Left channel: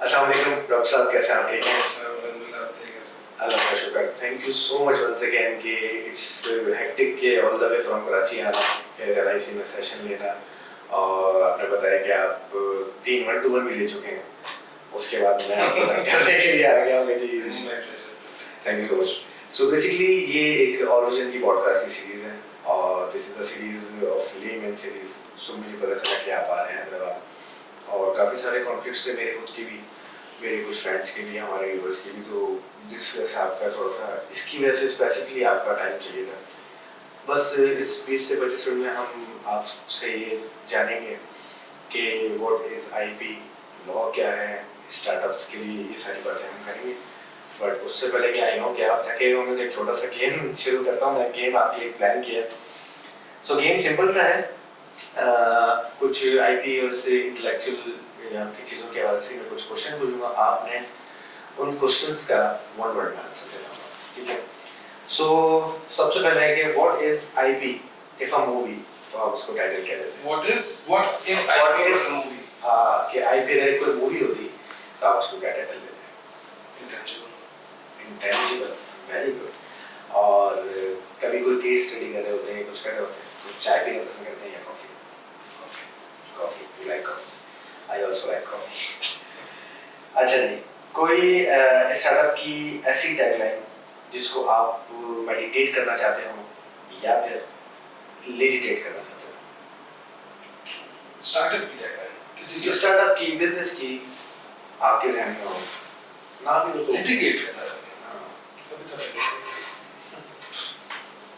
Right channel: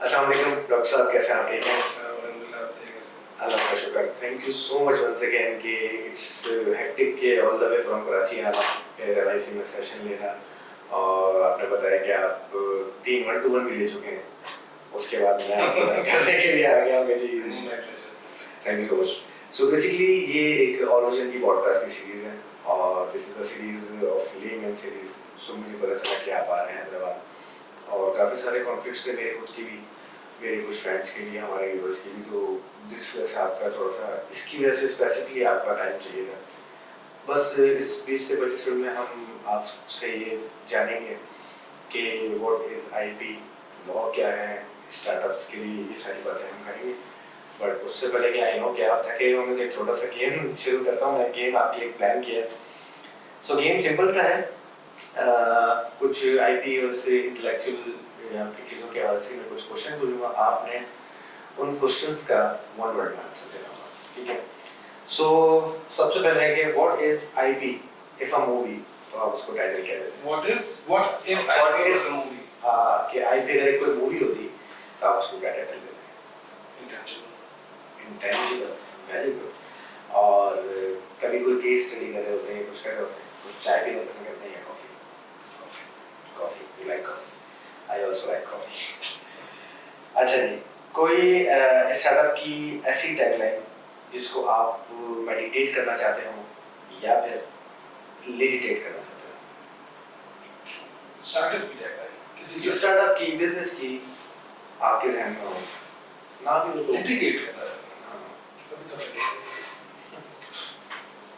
अस्सलाम वालेकुम डॉक्टर साहब, कैसे हैं आप? ठीक हैं? अल्हम्दुलिल्लाह, बताइए कैसे? अल्लाह का शुक्र। Thank you so much once again कि इट्स हेक्टिक के all the way from Karachi आना फिर LIC में सेशन लेना और आपने बताया कि आप 3 1-to-1 भी ले चुके हैं। उसके बाद मैं आपको करने के लिए आ गया मेरी। Thank you so much. So basically ये एक ऑरिजिन की पॉडकास्ट की सीरीज़ है और this is the series of layman series. So मुझे पता चला कि आप आ रहे हैं हैदराबाद और काफ़ी सारे कॉन्फ्लिक्ट्स थे मेरे खुद की भी, मेरे कुछ फ्रेंड्स की भी, हमारे व्यूअर्स की भी, तो जिस वजह से आपका थोड़ा सा इसकी वजह से स्पेसिफिकली आपका टाइम चाहिए था। बस इस 20 से 25 मिनट में हम आपसे ये जानेंगे कि व्हाट इज़ IP, लॉ क्या है, स्टार्टअप्स के लिए ये सारी बातें हम करेंगे। बट उससे पहले कि आई नो कि आप थके होंगे तो एक छोटा सा गेम शुरू करता हूँ मैं। गेम आपके लिए प्लान किया है। सो गेम सिंपल सा है, कुछ IP और से इंटेलेक्चुअल आपकी चीज़ों के हवाले से मैं कुछ क्वेश्चन बोलूँगा, आपने उन क्वेश्चंस का वन वर्ड में आंसर देना होगा, ठीक है? सो सबसे पहले है कि what is IP if a movie, तो आप उसको टाइटल क्या देते हैं? What if IP was a movie? कि IP अगर कोई मूवी होती तो आप उसको क्या टाइटल देते हैं? Intangible. Intangible, very good. और कभी कोई केस स्टडी कर रहे होते हैं, कुछ कर रहे होते हैं, तो चाय पीना पसंद करते हैं या coffee? Coffee, you like coffee? I also like coffee. अच्छा जी, कोई स्टार्टअप की ऐसी टैगलाइन जिसको आप मेडिटेट करना चाहते हो या फिर लेजिटेट करना चाहते हो? Startup की tagline. किसी किसी स्टार्टअप की, बिजनेस की आपके ज़हन में हो, ना भी हो तो litigate करना चाहते हैं। हाँ, कभी तो नहीं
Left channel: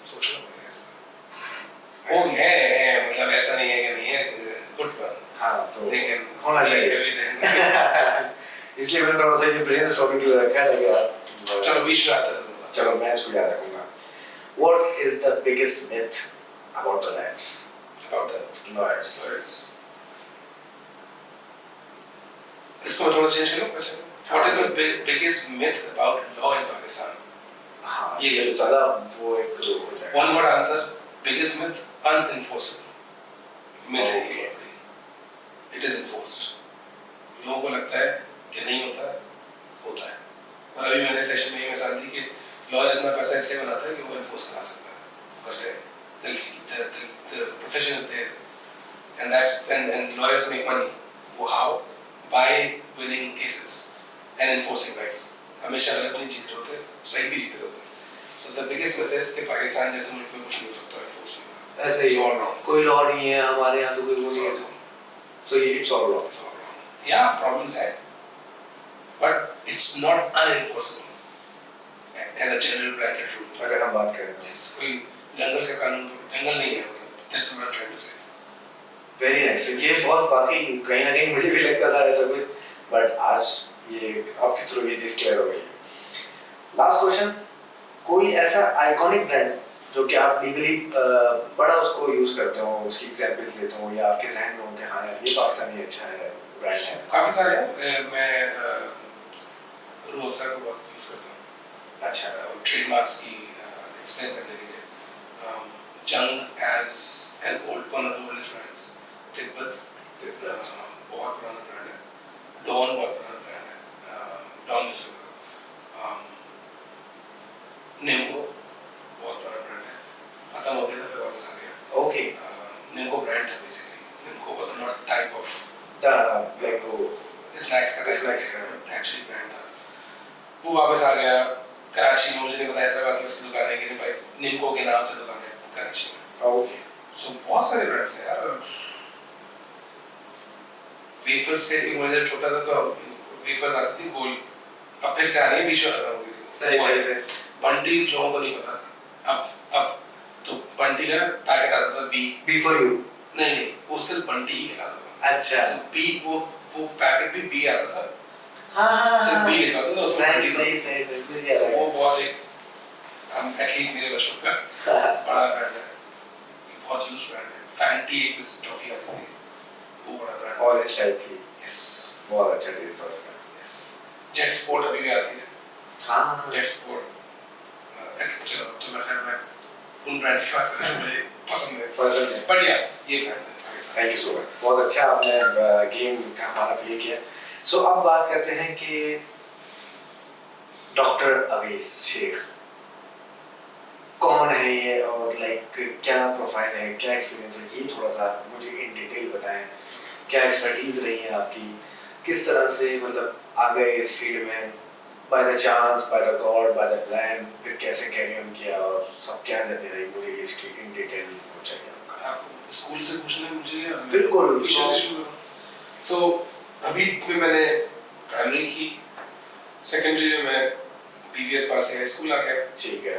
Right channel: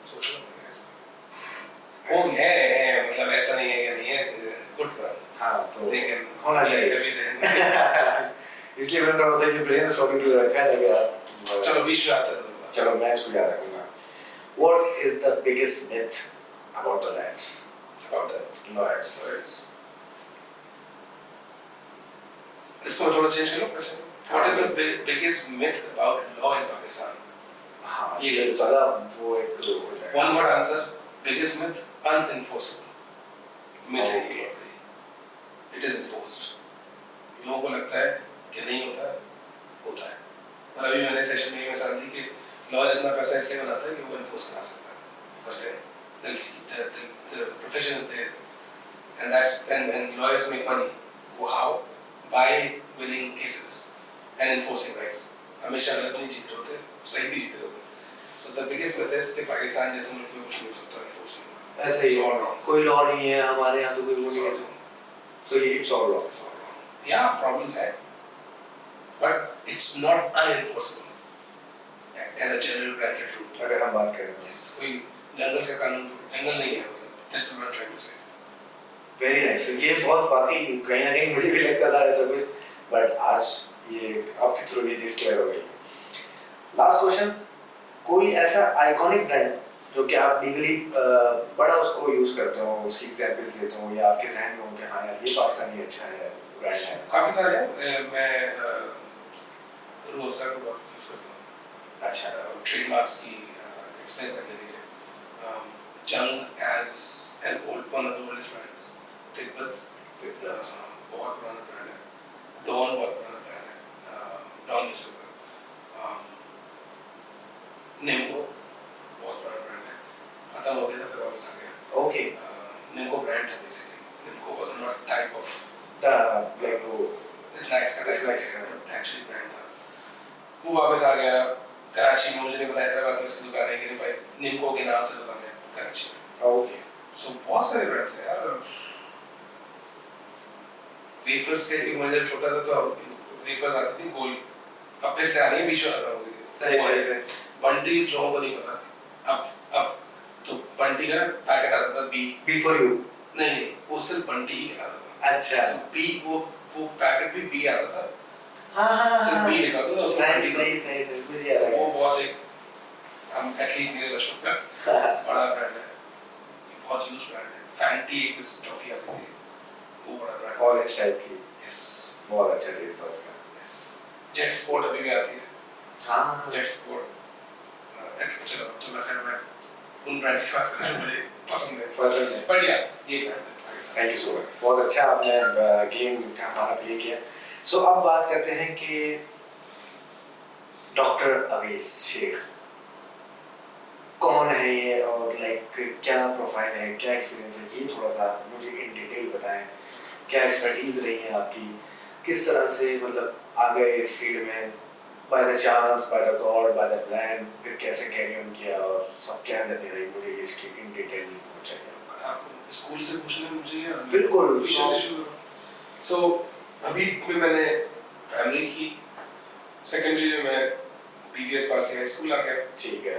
सोचना पड़ेगा इसका। वो है, मतलब ऐसा नहीं है कि नहीं है, good one. हाँ तो लेकिन होना चाहिए। कभी ज़हन में- इसलिए मैंने थोड़ा सा ये ब्रेनस्टॉर्मिंग के लिए रखा है ताकि चलो बीच में आता है तो चलो मैं इसको याद रखूंगा। What is the biggest myth about the lawyers? about the Lawyers. lawyers. इसको थोड़ा चेंज करो कैसे? What is the biggest myth about law in Pakistan? हाँ, ये ये ज़्यादा वो एक हो जाएगा। One word answer. Biggest myth, unenforceable. Myth है ये बड़ी. It is enforced. लोगों को लगता है कि नहीं होता है, होता है। और अभी मैंने सेशन में ये मिसाल दी कि लॉयर इतना पैसा इसलिए बनाता है कि वो enforce करा सकता है, करते हैं। The profession is there, and lawyers make money. वो how? By winning cases and enforcing rights. हमेशा गलत नहीं जीत रहे होते, सही भी जीत रहे होते। So the biggest myth is कि पाकिस्तान जैसे मुल्क में कुछ नहीं हो सकता, enforce नहीं होगा। ऐसे ही It's all wrong. कोई लॉ नहीं है हमारे यहाँ, तो कोई वो नहीं है, तो it's all wrong. It's all wrong. Yeah, problems है, but it's not unenforceable as a general blanket rule. अगर हम बात करें तो Yes, कोई जंगल का कानून जंगल नहीं है, मतलब that's what I'm trying to say. Very nice. ये बहुत वाकई कहीं ना कहीं मुझे भी लगता था ऐसा कुछ, बट आज ये आपके थ्रू ये चीज़ क्लियर हो गई। लास्ट क्वेश्चन, कोई ऐसा आइकॉनिक ब्रांड जो कि आप लीगली बड़ा उसको यूज करते हो, उसकी एग्जांपल्स देते हो या आपके जहन में हो कि हाँ यार ये पाकिस्तानी अच्छा है ब्रांड है? काफी सारे हैं, मैं रूह अफ़ज़ा को बहुत यूज करता हूँ। अच्छा, ट्रेडमार्क्स की एक्सप्लेन करने के लिए। Jang as an old one of the oldest brands. Tibet बहुत पुराना ब्रांड है। डॉन बहुत पुराना ब्रांड है। Don newspaper. निम्को बहुत पुराना ब्रांड है, खत्म हो गया था फिर वापस आ गया। ओके। निम्को ब्रांड था basically. Nimco was not type of the like वो स्नैक्स का एक्चुअली ब्रांड था। वो वापस आ गया कराची में। मुझे नहीं पता हैदराबाद में उसकी दुकान है कि नहीं भाई, निम्को के नाम से दुकान है कराची में। ओके। सो बहुत सारे ब्रांड्स हैं यार। वेफर्स के एक मजे छोटा था तो वेफर्स आती थी गोल, अब फिर से आ रही है, बीच में खत्म हो गई थी। सही। बंटीज लोगों को नहीं पता। अब तो बंटी का पैकेट आता था बी फॉर यू। नहीं, वो सिर्फ बंटी ही आता था। अच्छा। बी वो पैकेट भी बी आता था। हाँ सिर्फ बी लिखा होता था उसमें बंटी था। सही। वो बहुत एक एटलीस्ट मेरे बचपन का बड़ा ब्रांड है, बहुत यूज ब्रांड है। फैंटी एक टॉफी आती थी, वो बड़ा ब्रांड है। ऑरेंज टाइप की। यस, बहुत अच्छा टेस्ट है उसका। यस। जेट स्पोर्ट अभी भी आती है। हाँ। Jet sport. चलो तो मैं उन ब्रांड्स की बात कर रहा हूँ, मुझे पसंद है। बट या ये ब्रांड है। Thank you so much. बहुत अच्छा आपने गेम का हमारा प्ले किया। सो अब बात करते हैं कि डॉक्टर अवेश शेख कौन है ये, और लाइक क्या प्रोफाइल है, क्या एक्सपीरियंस है, ये थोड़ा सा मुझे इन डिटेल बताएं। क्या एक्सपर्टीज रही है आपकी, किस तरह से मतलब आ गए इस फील्ड में, by the chance, by the God, by the plan, फिर कैसे कैरी ऑन किया, और सब क्या जर्नी रही, मुझे इसकी इन डिटेल हो चाहिए आपका। आपको स्कूल से पूछना है मुझे या बिल्कुल। सो अभी में मैंने प्राइमरी की, सेकेंडरी में मैं बीवीएस पास से हाई स्कूल आ गया। ठीक है।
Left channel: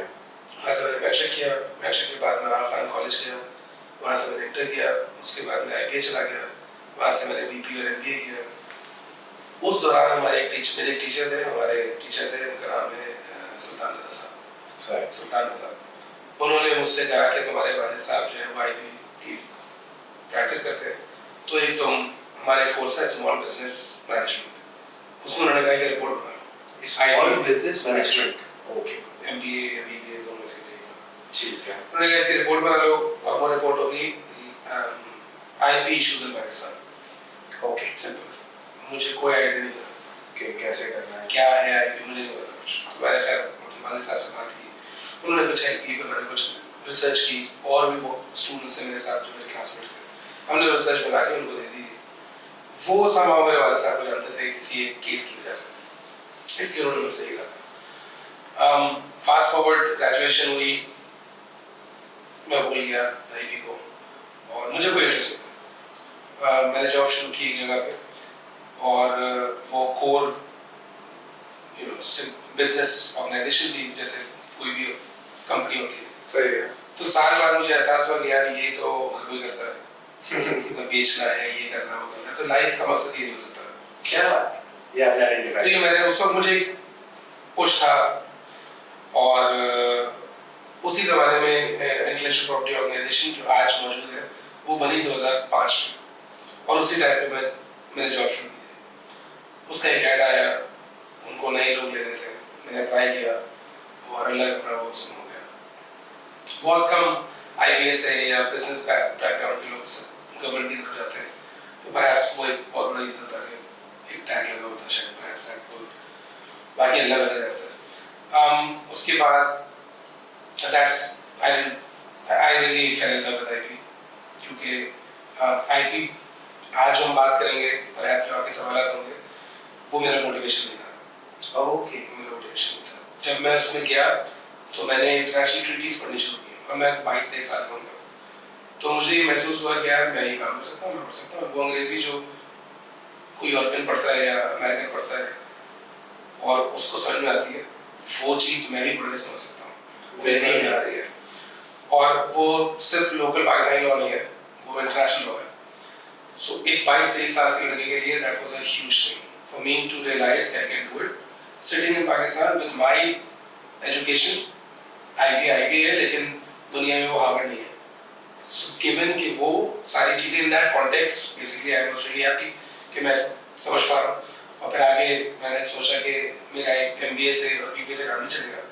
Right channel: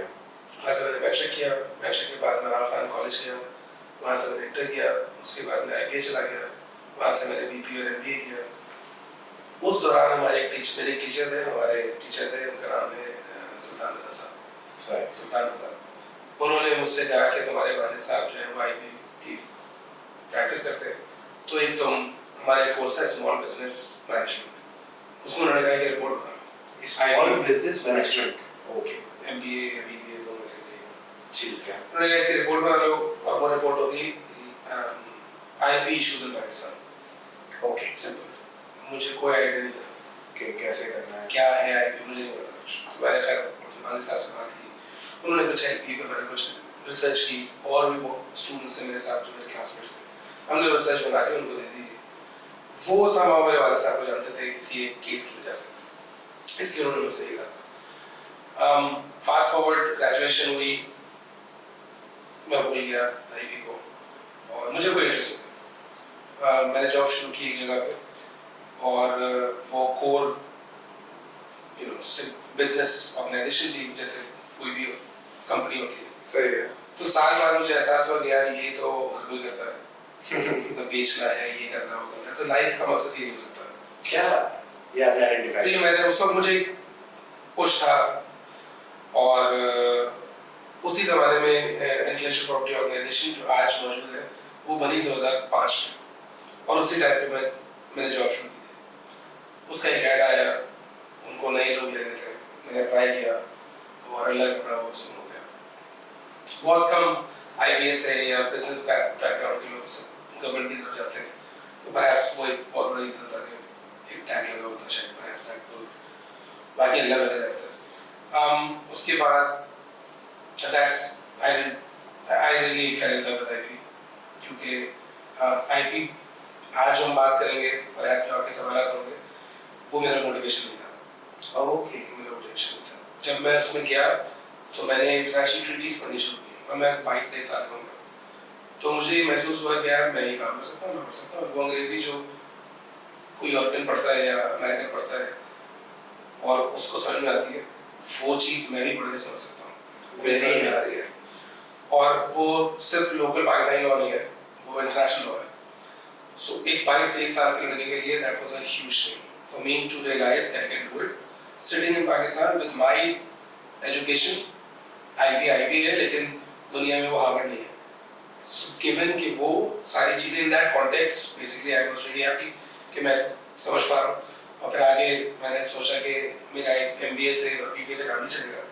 वहाँ से मैंने मैट्रिक किया, मैट्रिक के बाद मैं आगा खान कॉलेज गया, वहाँ से मैंने इंटर किया, उसके बाद मैं आईपीए चला गया, वहाँ से मैंने बीपी और एमबीए किया। उस दौरान हमारे मेरे एक टीचर थे, उनका नाम है सुल्तान रजा साहब। सुल्तान रजा, उन्होंने मुझसे कहा कि तुम्हारे वालिद साहब जो है वो आईपी की प्रैक्टिस करते हैं, तो एक तुम हमारे कोर्स है स्मॉल बिजनेस मैनेजमेंट, उसमें उन्होंने कहा कि रिपोर्ट बना लो। Small business management, okay, MBA या बीबीए दोनों में से एक। ठीक है। उन्होंने कहा इसकी रिपोर्ट बना लो, और वो रिपोर्ट होगी IP issues in Pakistan. Okay, simple. मुझे कोई आइडिया नहीं था कि कैसे करना है, क्या है आईपी, मुझे नहीं पता कुछ। तो मैंने खैर अपने वालिद साहब से बात की, उन्होंने कुछ आईपी पे मैंने कुछ रिसर्च की, और भी वो स्टूडेंट्स हैं मेरे साथ जो मेरे क्लासमेट्स हैं, हमने रिसर्च बना के उनको दे दी। वो समाव मेरे वालिद साहब को जानते थे किसी एक केस की वजह से, इसलिए उन्होंने मुझसे ये कहा था। फास्ट फॉरवर्ड ग्रेजुएशन हुई, मैं भूल गया आईपी को, और मुझे कोई इंटरेस्ट नहीं। मैंने जॉब शुरू की एक जगह पे, और वो कोर बिजनेस ऑर्गेनाइजेशन थी, जैसे कोई भी कंपनी होती है। सही है। तो साल बाद मुझे एहसास हुआ कि यार ये तो हर कोई करता है तो बेचना है, ये करना, वो करना है, तो लाइफ का मकसद ये नहीं हो सकता। क्या बात, ये आपने आइडेंटिफाई तो मैंने उस वक्त मुझे पुश था, और उसी ज़माने में इंटेलेक्चुअल प्रॉपर्टी ऑर्गेनाइजेशन जो आज मौजूद है वो बनी 2005 में, और उसी टाइम पे मैंने जॉब शुरू की थी। उसका एक ऐड आया, उनको नए लोग लेने थे, मैंने अप्लाई किया, और अल्लाह का वो सुन हो गया। बहुत कम आईपीएस है या बिजनेस बैकग्राउंड के लोग गवर्नमेंट की तरफ जाते हैं, तो परहैप्स वो एक बहुत बड़ा रीज़न था कि एक टैग लगा होता शायद, परहैप्स, बाकी अल्लाह बता रहता है। उसके बाद I really fell in love with IP, क्योंकि IP आज हम बात करेंगे, पर जो आपके सवाल होंगे, वो मेरा मोटिवेशन नहीं था। ओके, मेरा मोटिवेशन नहीं था। जब मैं उसमें गया तो मैंने इंटरनेशनल ट्रीटीज पढ़नी शुरू की, और मैं 22 साल का हूँ, तो मुझे ये महसूस हुआ कि यार मैं ये काम कर सकता हूँ, मैं पढ़ सकता हूँ। वो अंग्रेजी जो कोई यूरोपियन पढ़ता है या अमेरिकन पढ़ता है और उसको समझ में आती है, वो चीज़ मैं भी पढ़ के समझ सकता हूँ, मुझे समझ में आ रही है। और वो सिर्फ लोकल पाकिस्तानी लॉ नहीं है, वो इंटरनेशनल लॉ है। सो एक 22-23 साल के लड़के के लिए that was a huge thing for me to realize I can do it sitting in Pakistan with my education. IB है, लेकिन दुनिया में वो हार्वर्ड नहीं है। सो गिवन कि वो सारी चीज़ें in that context, basically I was really happy कि मैं समझ पा रहा हूँ। और फिर आगे मैंने सोचा कि मेरा एक एमबीए से और बीबीए से काम नहीं चलेगा,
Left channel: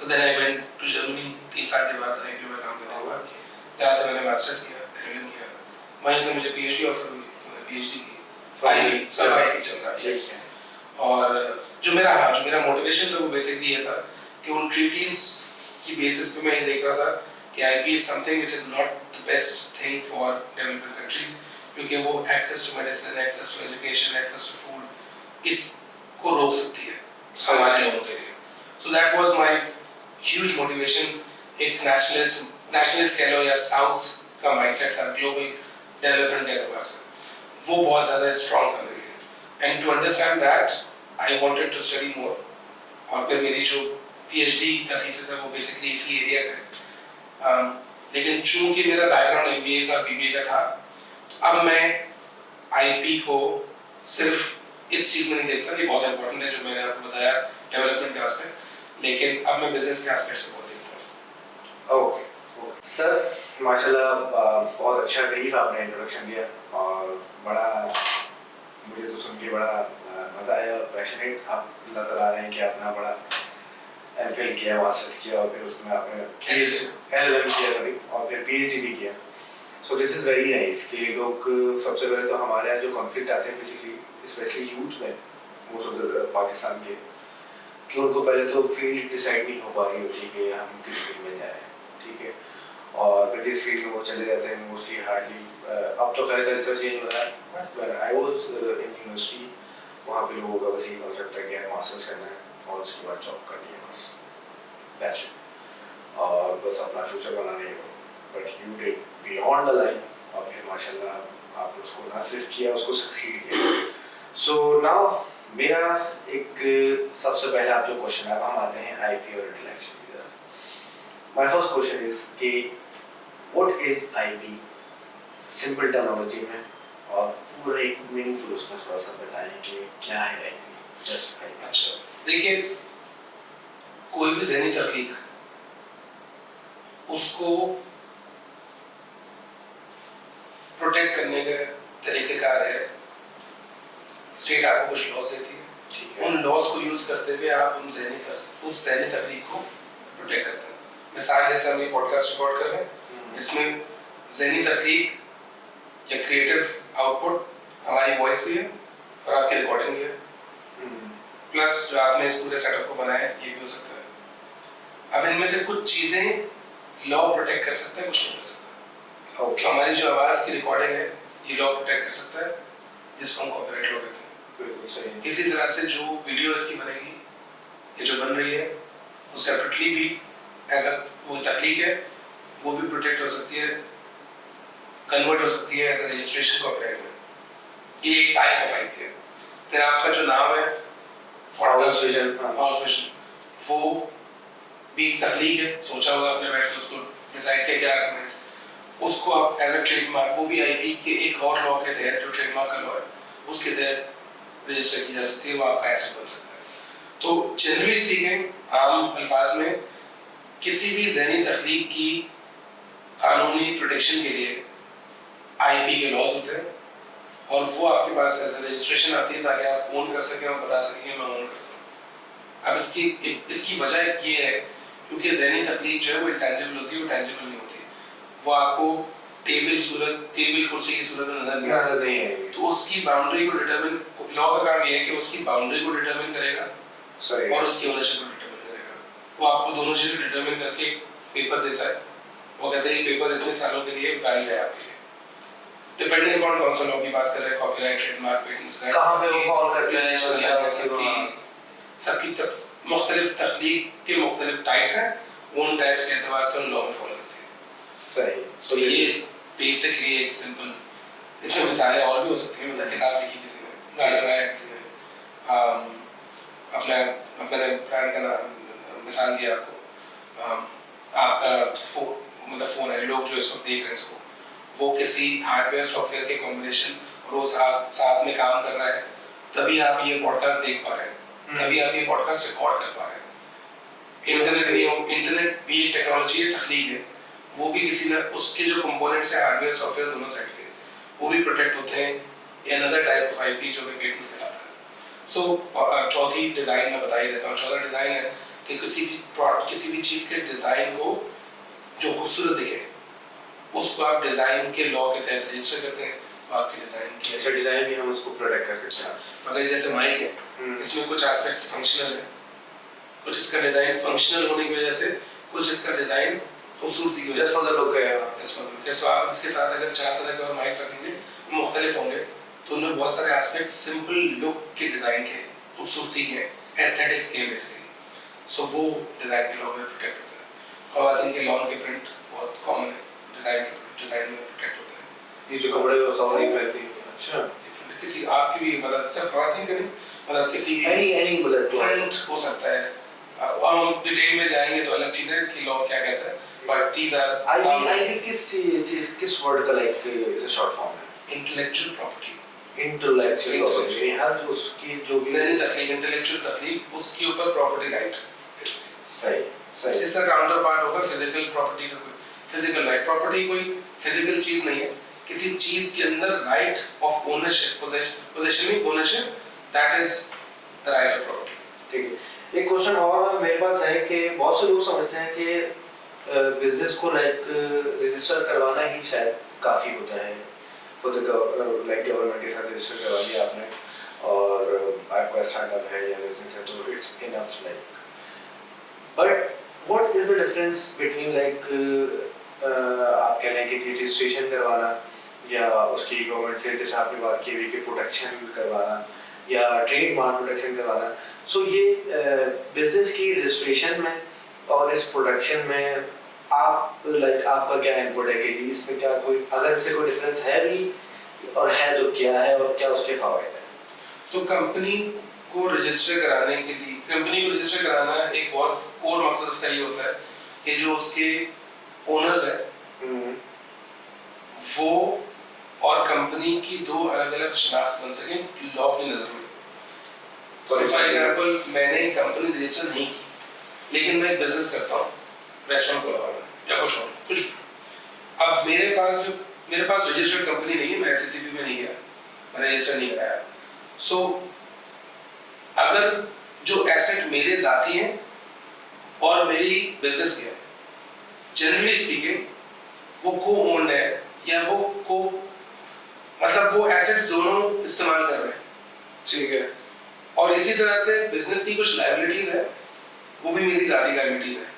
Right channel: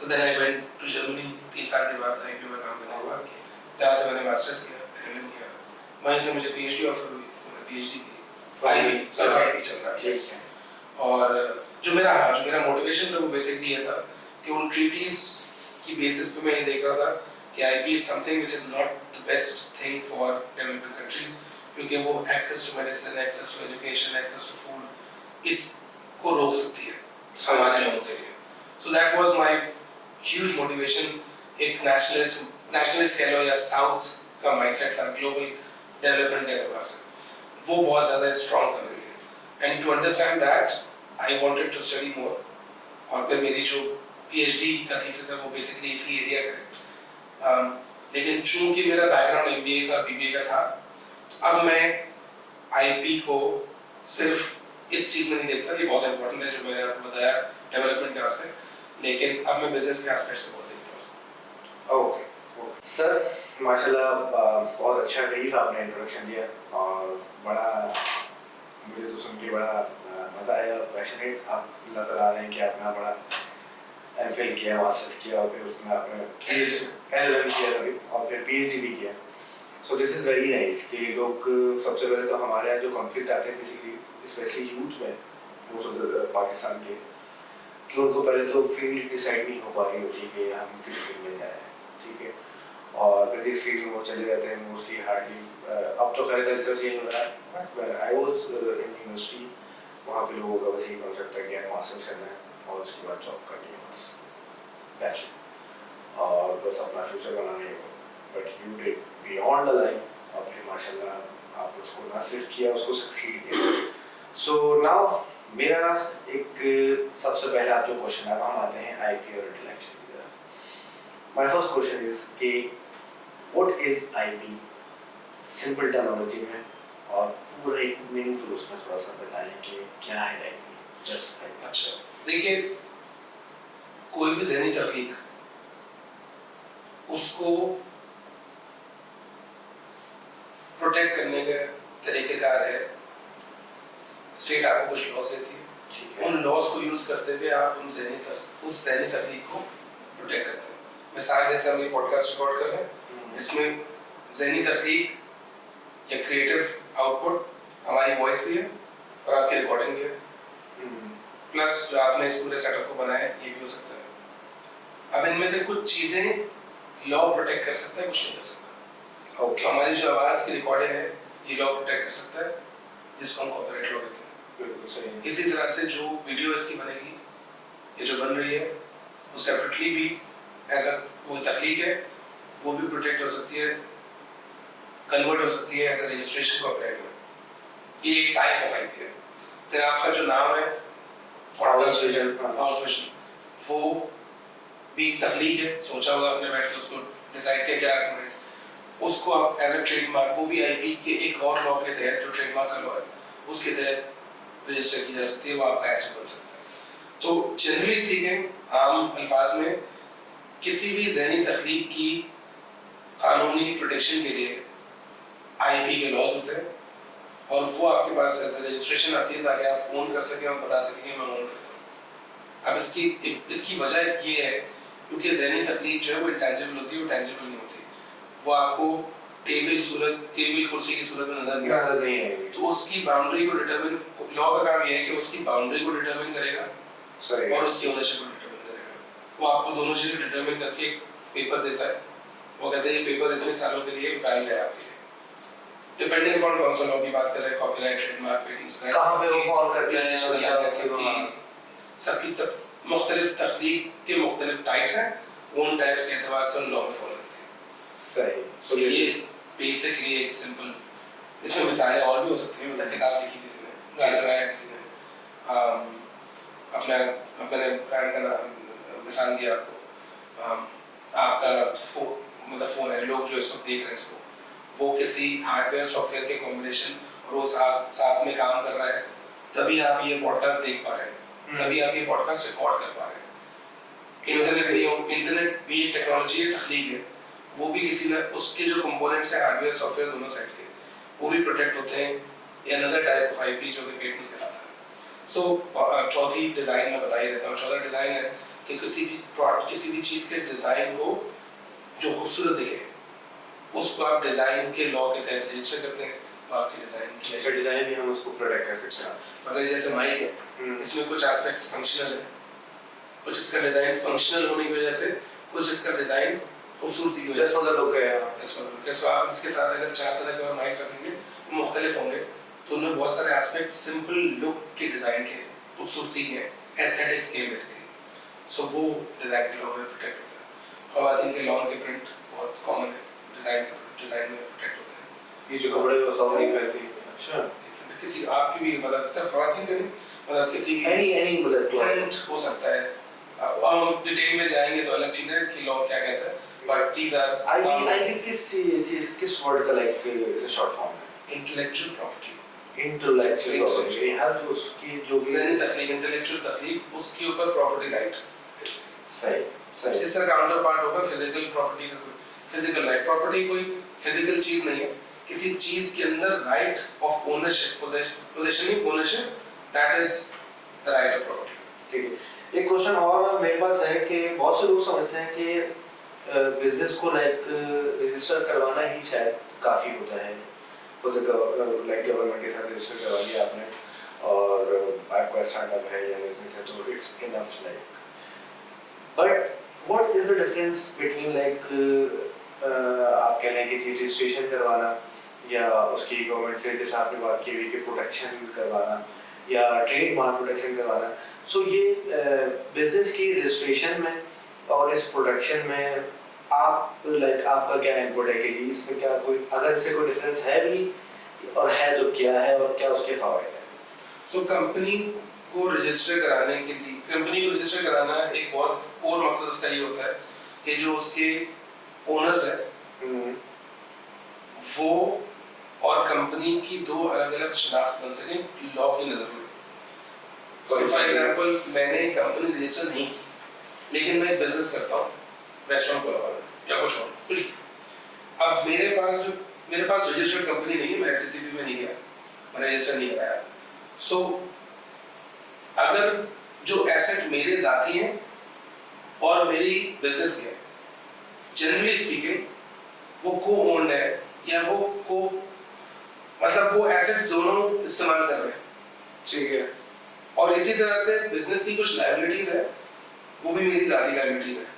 so then I went to Germany 3 साल के बाद आईपीओ में काम करने के बाद, जहाँ से मैंने मास्टर्स किया, एलएलएम किया। वहीं से मुझे पीएचडी ऑफर हुई, तो मैंने पीएचडी की, फाइनली सब आईपी चल रहा है। और जो मेरा मोटिवेशन था वो बेसिकली ये था कि उन ट्रीटीज की बेसिस पे मैं ये देख रहा था कि IP is something which is not the best thing for developing countries, क्योंकि वो access to medicine, access to education, access to food, इसको रोक सकती है हमारे लोगों के लिए। So that was my huge motivation. एक नेशनलिस्ट कह लो या साउथ का माइंडसेट था, ग्लोबल डेवलपमेंट के एतबार से वो बहुत ज़्यादा स्ट्रॉन्ग था मेरे लिए। And to understand that I wanted to study more, और फिर मेरी जो पीएचडी का थीसिस है वो बेसिकली इसी एरिया का है। लेकिन चूंकि मेरा बैकग्राउंड एमबीए का बीबीए का था, तो अब मैं आईपी को सिर्फ इस चीज़ में नहीं देखता, ये बहुत इंपॉर्टेंट है जो मैंने आपको बताया डेवलपमेंट के एस्पेक्ट, लेकिन अब मैं बिजनेस के एस्पेक्ट से बहुत देखता हूँ। ओके सर, माशाल्लाह बहुत अच्छा ब्रीफ आपने इंट्रोडक्शन दिया, और बड़ा मुझे तो सुन के बड़ा मज़ा आया, और पैशनेट आप नज़र आ रहे हैं कि आपने बड़ा एमफिल किया, मास्टर्स किया, और फिर उसमें आपने एलएलएम किया कभी, और फिर पीएचडी भी किया। So this is very nice कि लोग सबसे पहले तो हमारे यहाँ जो कॉन्फ्लिक्ट आते हैं बेसिकली स्पेशली यूथ में मोस्ट ऑफ द पाकिस्तान के, कि उनको पहले तो फील्ड डिसाइड नहीं हो पा रही होती कि हम किस फील्ड में जाएं, ठीक है, और फिर जिस फील्ड में वो चले जाते हैं मोस्टली हार्डली, अब तो खैर कल्चर चेंज हो रहा है, but I was in university, वहाँ पे लोगों का बस यही कॉन्सेप्ट था कि यार मास्टर्स करना है और उसके बाद जॉब करनी है, बस दैट्स इट, और बस अपना फ्यूचर बनाने हो, but you did beyond the line, और फिर माशाल्लाह आपने उसको ना सिर्फ किया, उसको सक्सीड किया। सो नाउ मेरा एक सबसे पहला आप जो क्वेश्चन है, अब हम आते हैं आईपी और इंटेलेक्चुअल की तरफ। माय फर्स्ट क्वेश्चन इज कि what is IP simple terminology में, और पूरा एक मीनिंगफुल उसमें थोड़ा सा बताएं कि क्या है आईपी, जस्ट आईपी। अच्छा, देखिए कोई भी ज़हनी तख्लीक उसको प्रोटेक्ट करने का तरीक़ेकार है, स्टेट आपको कुछ लॉज देती है, उन लॉज को यूज करते हुए आप उस ज़हनी तख्लीक को प्रोटेक्ट करते हैं। मिसाल जैसे हम ये पॉडकास्ट रिकॉर्ड कर रहे हैं, इसमें ज़हनी तख्लीक या क्रिएटिव आउटपुट हमारी वॉइस भी है और आपकी रिकॉर्डिंग भी है, प्लस जो आपने इस पूरे सेटअप को बनाया है ये भी हो सकता है। अब इनमें से कुछ चीज़ें लॉ प्रोटेक्ट कर सकता है, कुछ नहीं कर सकता। ओके, हमारी जो आवाज़ की रिकॉर्डिंग है ये लॉ प्रोटेक्ट कर सकता है, जिसको हम कॉपीराइट लॉ कहते हैं। बिल्कुल सही। इसी तरह से जो वीडियो इसकी बनेगी, ये जो बन रही है, वो सेपरेटली भी एज अ वो तख्लीक है, वो भी प्रोटेक्ट हो सकती है, कन्वर्ट हो सकती है एज अ रजिस्ट्रेशन कॉपीराइट में। ये एक टाइप ऑफ आईपी है। फिर आपका जो नाम है हाउस विजन, वो भी एक तख्लीक है, सोचा होगा आपने बैठ के उसको डिसाइड किया क्या करना है, उसको आप एज अ ट्रेडमार्क, वो भी आईपी के एक और लॉ के तहत जो ट्रेडमार्क का लॉ है उसके तहत रजिस्टर की जा सकती है, वो आपका एसेट बन सकता है। तो जनरली स्पीकिंग, आम अल्फाज में किसी भी ज़हनी तख्लीक की कानूनी प्रोटेक्शन के लिए आईपी के लॉज होते हैं, और वो आपके पास एज रजिस्ट्रेशन आती है ताकि आप ओन कर सकें और बता सकें मैं ओन करता हूँ। अब इसकी वजह ये है क्योंकि ज़हनी तख्लीक जो है वो इंटेंजिबल होती है, वो टेंजिबल नहीं होती, वो आपको टेबल कुर्सी की सूरत में नजर नहीं आएगी। तो उसकी बाउंड्री को डिटरमिन, लॉ का काम ये है कि उसकी बाउंड्री को डिटरमिन करेगा और उसकी ओनरशिप को डिटरमिन करेगा। वो आपको दोनों चीज़ें डिटरमिन करके पेपर देता है, वो कहते हैं पेपर इतने सालों के लिए वैलिड है आपके लिए, डिपेंडिंग अपॉन कौन सा लॉ की बात कर रहे हैं, कॉपीराइट, ट्रेडमार्क, पेटेंट, कहाँ पे वो फॉल करते हैं, सबकी मुख्तलिफ तख्लीक के मुख्तलिफ टाइप्स हैं, उन टाइप्स के एतबार से उन लॉ में फॉलो करते हैं। सही। तो ये बेसिकली एक सिंपल, इसमें मिसालें और भी हो सकती हैं, मतलब किताब लिखी किसी ने, गाना गाया किसी ने, अपने ब्रांड का नाम मिसाल दिया आपको, आपका फ़ोन है, लोग जो इसको देख रहे हैं इसको, वो किसी हार्डवेयर सॉफ्टवेयर के कॉम्बिनेशन और वो साथ में काम कर रहा है, तभी आप ये पॉडकास्ट देख पा रहे हैं, तभी आप ये पॉडकास्ट रिकॉर्ड कर पा रहे हैं। इंटरनेट भी एक टेक्नोलॉजी है, तख्लीक है, वो भी किसी ना उसके जो कंपोनेंट्स हैं हार्डवेयर सॉफ्टवेयर दोनों साइड के, वो भी प्रोटेक्ट होते हैं। अनदर टाइप ऑफ आईपी जो कि पेटेंट्स कहलाता है। सो चौथी डिज़ाइन मैं बता ही देता हूँ। चौथा डिज़ाइन है कि किसी भी चीज़ के डिज़ाइन को जो खूबसूरत दिखे उसको आप डिज़ाइन के लॉ के तहत रजिस्टर करते हैं, तो आपकी डिज़ाइन की अच्छा डिज़ाइन भी हम उसको प्रोटेक्ट कर सकते हैं। अगर जैसे माइक है, इसमें कुछ एस्पेक्ट्स फंक्शनल है, कुछ इसका डिज़ाइन फंक्शनल होने की वजह से, कुछ इसका डिज़ाइन खूबसूरती की वजह से, तो आप इसके साथ अगर 4 तरह के और माइक रखेंगे मुख्तलिफ होंगे, तो उनमें बहुत सारे एस्पेक्ट सिंपल लुक के डिज़ाइन के, खूबसूरती के, एस्थेटिक्स के बेसिकली, सो वो डिज़ाइन के लॉ में प्रोटेक्ट होता है। ख़वातीन के लॉन के प्रिंट बहुत कॉमन है, डिज़ाइन में प्रोटेक्ट होता है। ये जो कपड़े ख़वातीन पहनती हैं, अच्छा किसी आपकी भी मतलब सिर्फ ख़वातीन का नहीं, मतलब किसी भी एनी मतलब ट्रेंड हो सकता है। हम डिटेल में जाएंगे तो अलग चीज़ है कि लॉ क्या कहता है, बट दीज आर आईपी किस वर्ड का like is a short form है? Intellectual property. इंटेलेक्चुअल प्रॉपर्टी हर उसकी जो भी ज़हनी तख्लीक, इंटेलेक्चुअल तख्लीक, उसके ऊपर प्रॉपर्टी राइट। सही सही। इसका काउंटर पार्ट होगा फिजिकल प्रॉपर्टी का, कोई फिजिकल राइट। प्रॉपर्टी कोई फिजिकल चीज़ नहीं है, किसी चीज़ के अंदर राइट ऑफ ओनरशिप, पोजेशन में ownership, that is the right of property. ठीक है। एक क्वेश्चन और मेरे पास है कि बहुत से लोग समझते हैं कि बिजनेस को लाइक रजिस्टर करवाना ही शायद काफ़ी होता है फॉर द लाइक गवर्नमेंट के साथ रजिस्टर करवा लिया आपने और आपका स्टार्टअप है या बिजनेस है तो it's enough like but what is the difference between like आप कह लें कि रजिस्ट्रेशन करवाना या उसकी गवर्नमेंट से जैसे आपने बात की हुई कि प्रोटेक्शन करवाना या ट्रेडमार्क प्रोटेक्शन करवाना सो ये बिजनेस की रजिस्ट्रेशन में और इस प्रोडक्शन में आप लाइक आपका क्या इनपुट है कि जी इसमें क्या कोई अगर इससे कोई डिफरेंस है भी और है तो क्या है और क्या उसके फायदे हैं सो कंपनी को रजिस्टर कराने के लिए कंपनी को रजिस्टर कराना एक बहुत कोर मकसद उसका ये होता है कि जो उसके ओनर्स हैं वो और कंपनी की दो अलग अलग शनाख्त बन सके लॉ की नज़र में। फॉर एग्जाम्पल मैंने कंपनी रजिस्टर नहीं की लेकिन मैं एक बिजनेस करता हूँ रेस्टोरेंट खुलवाना या कुछ और कुछ अब मेरे पास रजिस्टर्ड कंपनी नहीं है मैं एससीसीपी में नहीं गया मैंने रजिस्टर नहीं कराया सो अगर जो एसेट मेरे जाती हैं और मेरी बिजनेस के जनरली स्पीकिंग वो को ओन्ड है या वो को मतलब वो एसेट दोनों इस्तेमाल कर रहे हैं ठीक है और इसी तरह से बिजनेस की कुछ लायबिलिटीज है वो भी मेरी जाती लायबिलिटीज है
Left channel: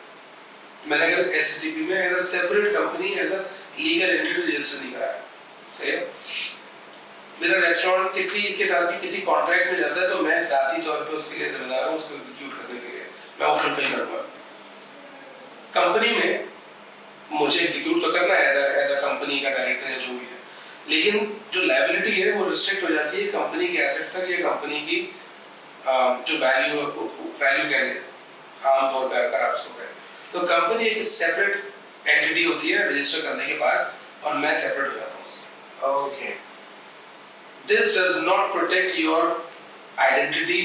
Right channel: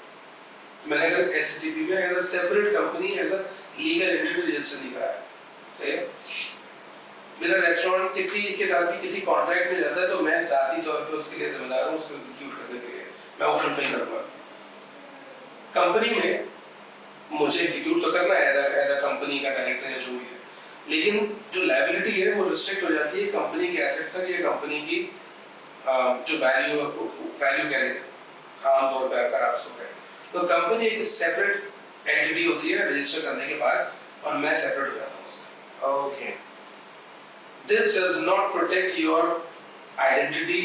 मैंने अगर एससीसीपी में as a separate company as a legal entity register नहीं कराया सही है मेरा रेस्टोरेंट किसी के साथ भी किसी कॉन्ट्रैक्ट में जाता है तो मैं जाती तौर पे उसके लिए जिम्मेदार हूँ उसको एग्जीक्यूट करने के लिए मैं वो फुलफिल करूँगा कंपनी में मुझे एग्जीक्यूट तो करना है एज अ कंपनी का डायरेक्टर या जो भी है लेकिन जो लायबिलिटी है वो रिस्ट्रिक्ट हो जाती है कंपनी के एसेट्स तक या कंपनी की जो वैल्यू कह रहे आमतौर पर अगर आप उसको कहें तो कंपनी एक सेपरेट एंटिटी होती है रजिस्टर करने के बाद और मैं सेपरेट हो जाता हूँ उससे okay This does not protect your identity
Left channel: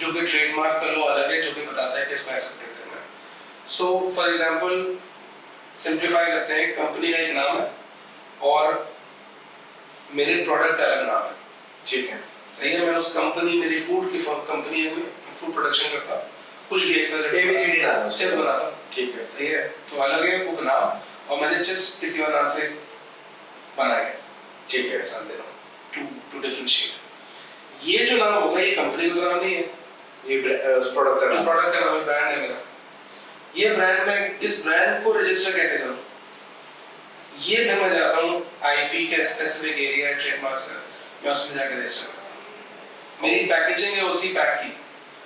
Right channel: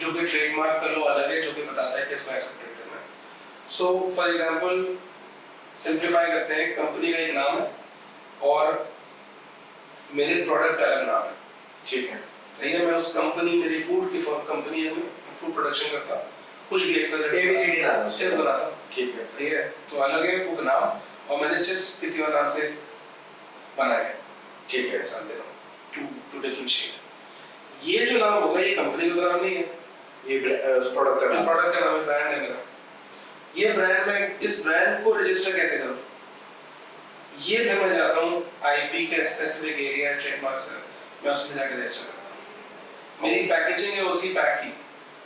जो कि ट्रेडमार्क का लॉ अलग है जो कि बताता है कि इसमें ऐसा प्रोटेक्ट करना है सो फॉर एग्जांपल सिंप्लीफाई करते हैं कंपनी का एक नाम है और मेरे प्रोडक्ट का अलग नाम है ठीक है सही है मैं उस कंपनी मेरी फूड की कंपनी है फूड प्रोडक्शन करता कुछ भी ABCD नाम है चिप्स बनाता ठीक है सही है तो अलग है कुक नाम और मैंने चिप्स किसी और नाम से बनाए ठीक है समझ रहा to differentiate ये जो नाम होगा ये कंपनी का तो नाम नहीं है ये प्रोडक्ट का प्रोडक्ट का नाम है ब्रांड है मेरा ये ब्रांड में इस ब्रांड को रजिस्टर कैसे करूं ये फिर मैं जाता हूँ आईपी का स्पेसिफिक एरिया ट्रेडमार्क से मैं उसमें जाकर रजिस्टर करता हूँ मेरी पैकेजिंग है उसी पैक की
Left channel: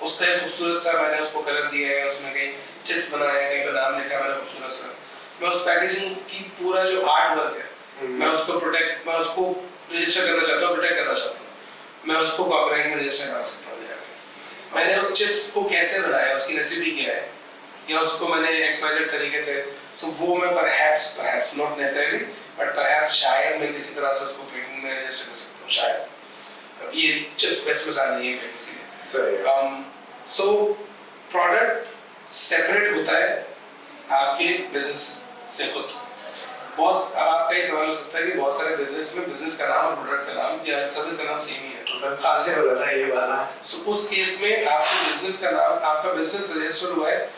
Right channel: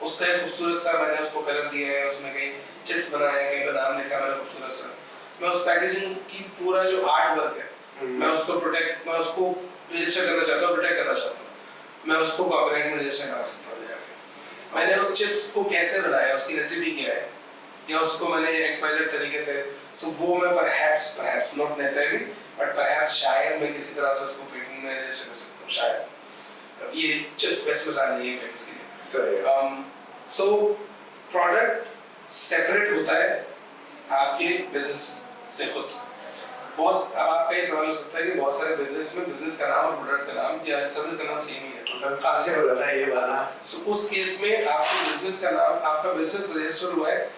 उसका एक खूबसूरत सा मैंने उसको कलर दिया है उसमें कहीं चिप्स बनाया है कहीं पर नाम लिखा मैंने खूबसूरत सा मैं उस पैकेजिंग की पूरा जो आर्ट वर्क है मैं उसको रजिस्टर करना चाहता हूँ प्रोटेक्ट करना चाहता हूँ मैं उसको कॉपीराइट में रजिस्टर करा सकता हूँ मैंने उस चिप्स को कैसे बनाया उसकी रेसिपी क्या है या उसको मैंने एक्सपायर्ड तरीके से सो वो मैं perhaps not necessarily but perhaps शायद मैं किसी तरह से उसको पेटेंट में रजिस्टर कर सकता हूँ शायद ये चिप्स बेस्ट मिसाल नहीं है पेटेंट्स के लिए सो प्रोडक्ट सेपरेट होता है आपके बिजनेस से खुद बहुत अब आपका ये सवाल हो सकता है कि बहुत सारे बिजनेस में बिजनेस का नाम और प्रोडक्ट का नाम या सर्विस का नाम सेम ही है खास से बोला था ये वाला सो उस केस में आपके बिजनेस का नाम आपका बिजनेस रजिस्टर हुआ है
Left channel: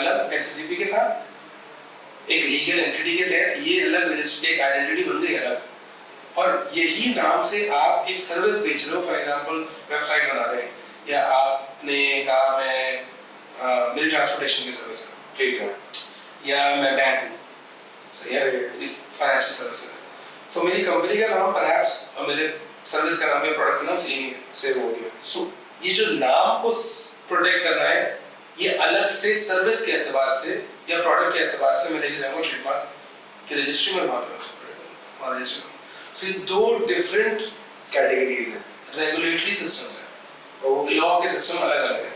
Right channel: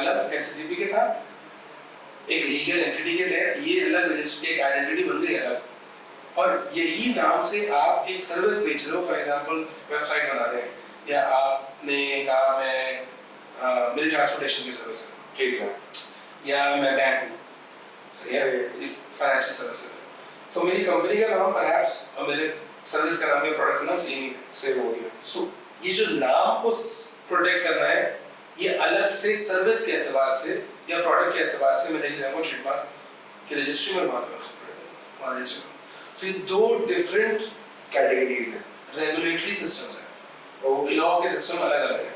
अलग एससीसीपी के साथ एक लीगल एंटिटी के तहत ये अलग रजिस्टर एक आइडेंटिटी बन गई अलग और यही नाम से आप एक सर्विस बेच रहे हो फॉर एग्जांपल वेबसाइट बना रहे हैं या आपने कहा मैं मेरी ट्रांसपोर्टेशन की सर्विस है ठीक है या मैं बैंक हूँ फाइनेंशियल सर्विसेज सो मेरी कंपनी का नाम परहैप्स और मेरे सर्विस का नाम या प्रोडक्ट का नाम सेम ही है सेम हो गया सो ये जो नाम को प्रोटेक्ट करना है ये अलग से सर्विस के एतबार से या प्रोडक्ट के एतबार से मैं लेके जाऊंगा ट्रेडमार्क की रजिस्ट्री में वहां पे वहां रजिस्टर सो ये दो डिफरेंट कैटेगरीज है रेगुलेटरी सिस्टम्स है लॉ के सिस्टम अलग अलग है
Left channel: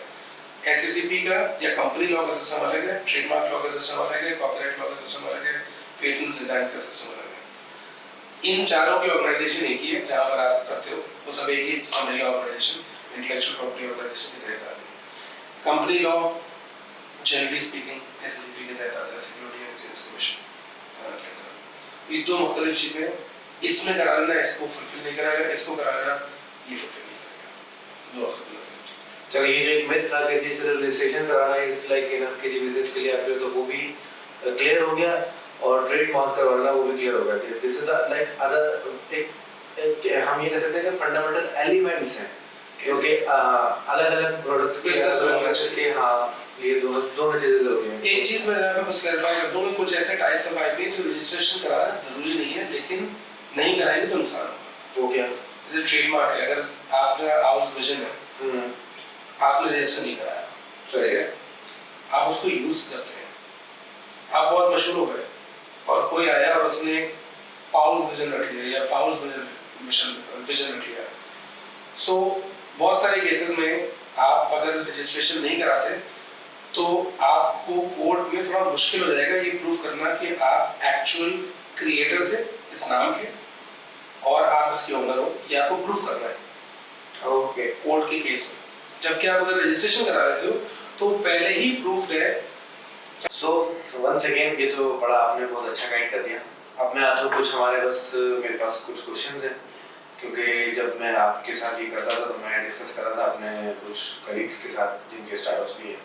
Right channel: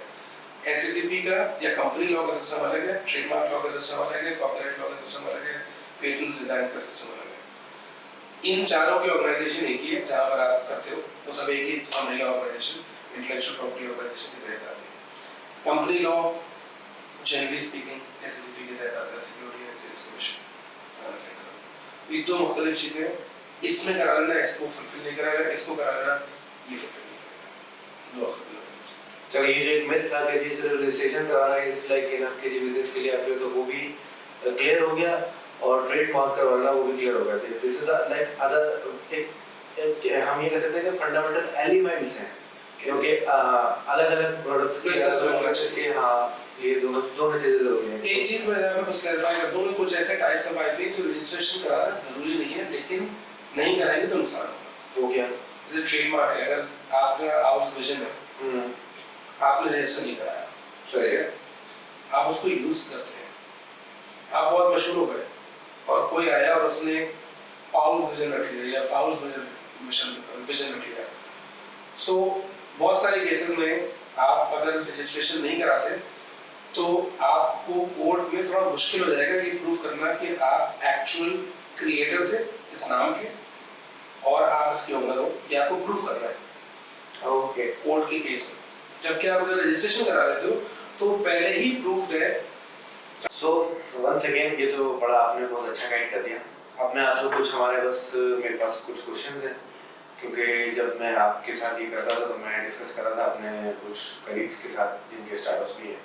एससीसीपी का या कंपनी लॉ का सिस्टम अलग है ट्रेडमार्क लॉ का सिस्टम अलग है कॉपीराइट लॉ का सिस्टम अलग है पेटेंट डिजाइन का सिस्टम अलग है इन चारों की ऑर्गेनाइजेशन एक ही है जहां पर आप करते हो वो सब एक ही umbrella organization intellectual property organization के तहत आती है company law generally speaking SECP के तहत आता है सिक्योरिटी एंड एक्सचेंज कमीशन ये दो मुख्तलिफ चीजें इसमें करा लेना इसको फुलफिल नहीं करेगा इसको करा लेना ये फुलफिल नहीं करेगा दो चलो ये जो एक मिथ था कि सिर्फ रजिस्ट्रेशन कराना इज लाइक इनफ के बिजनेस के लिए आप तो वो भी क्लियर हो गया और ट्रेडमार्क का वाला वो भी क्लियर हो गया कि दिस इज लाइक अदर एक हम ये कह सकते हैं कि फंडामेंटल एलिमेंट्स हैं क्योंकि अलग अलग प्रोडक्ट्स के हाँ ये दोनों चीजें जरूरी हैं। एक चीज मैं यहाँ पे बस क्लैरिफाई कर दूं कि कुछ ऐसे टाइप्स ऑफ आईपी जो रजिस्ट्रेशन कराना जरूरी नहीं है, लेकिन नहीं कराएंगे तो नुकसान होगा। वो क्या? जैसे ट्रेडमार्क है, अगर आपका आउस विजन है, आपने रजिस्टर नहीं कराया, सही है, आप उसको यूज करते हैं, आप बहुत मशहूर हो गए और कोई आया और उसने पाउल्स विजन रख लिया या फाउल्स विजन रख लिया। सो बहुत सारे केसेस में आप अगर रजिस्ट्रेशन नहीं कराते तो आपको कोर्ट में थोड़ा मुश्किल हो जाएगा ये प्रूफ करना कि आप एक्चुअल क्रिएटर थे इस नाम के और आप इसके ओनर हो, ये आपको प्रूफ करना है ओके कोर्ट के केस में। जबकि आप अगर रजिस्ट्रेशन करा लेते हो तो पहले ही प्रूफ है। सो वंस अगेन ये तो बड़ा आपने बहुत अच्छा गाइड कर दिया। अब मैं आता हूँ कुछ हमारे मेरे पास कुछ क्वेश्चंस हैं क्योंकि जब मैं आपके साथ ये कर रहा था तो मैं डिस्कस कर रहा था अपने कुछ कलीग्स के साथ जिनके स्टार्टअप्स भी हैं,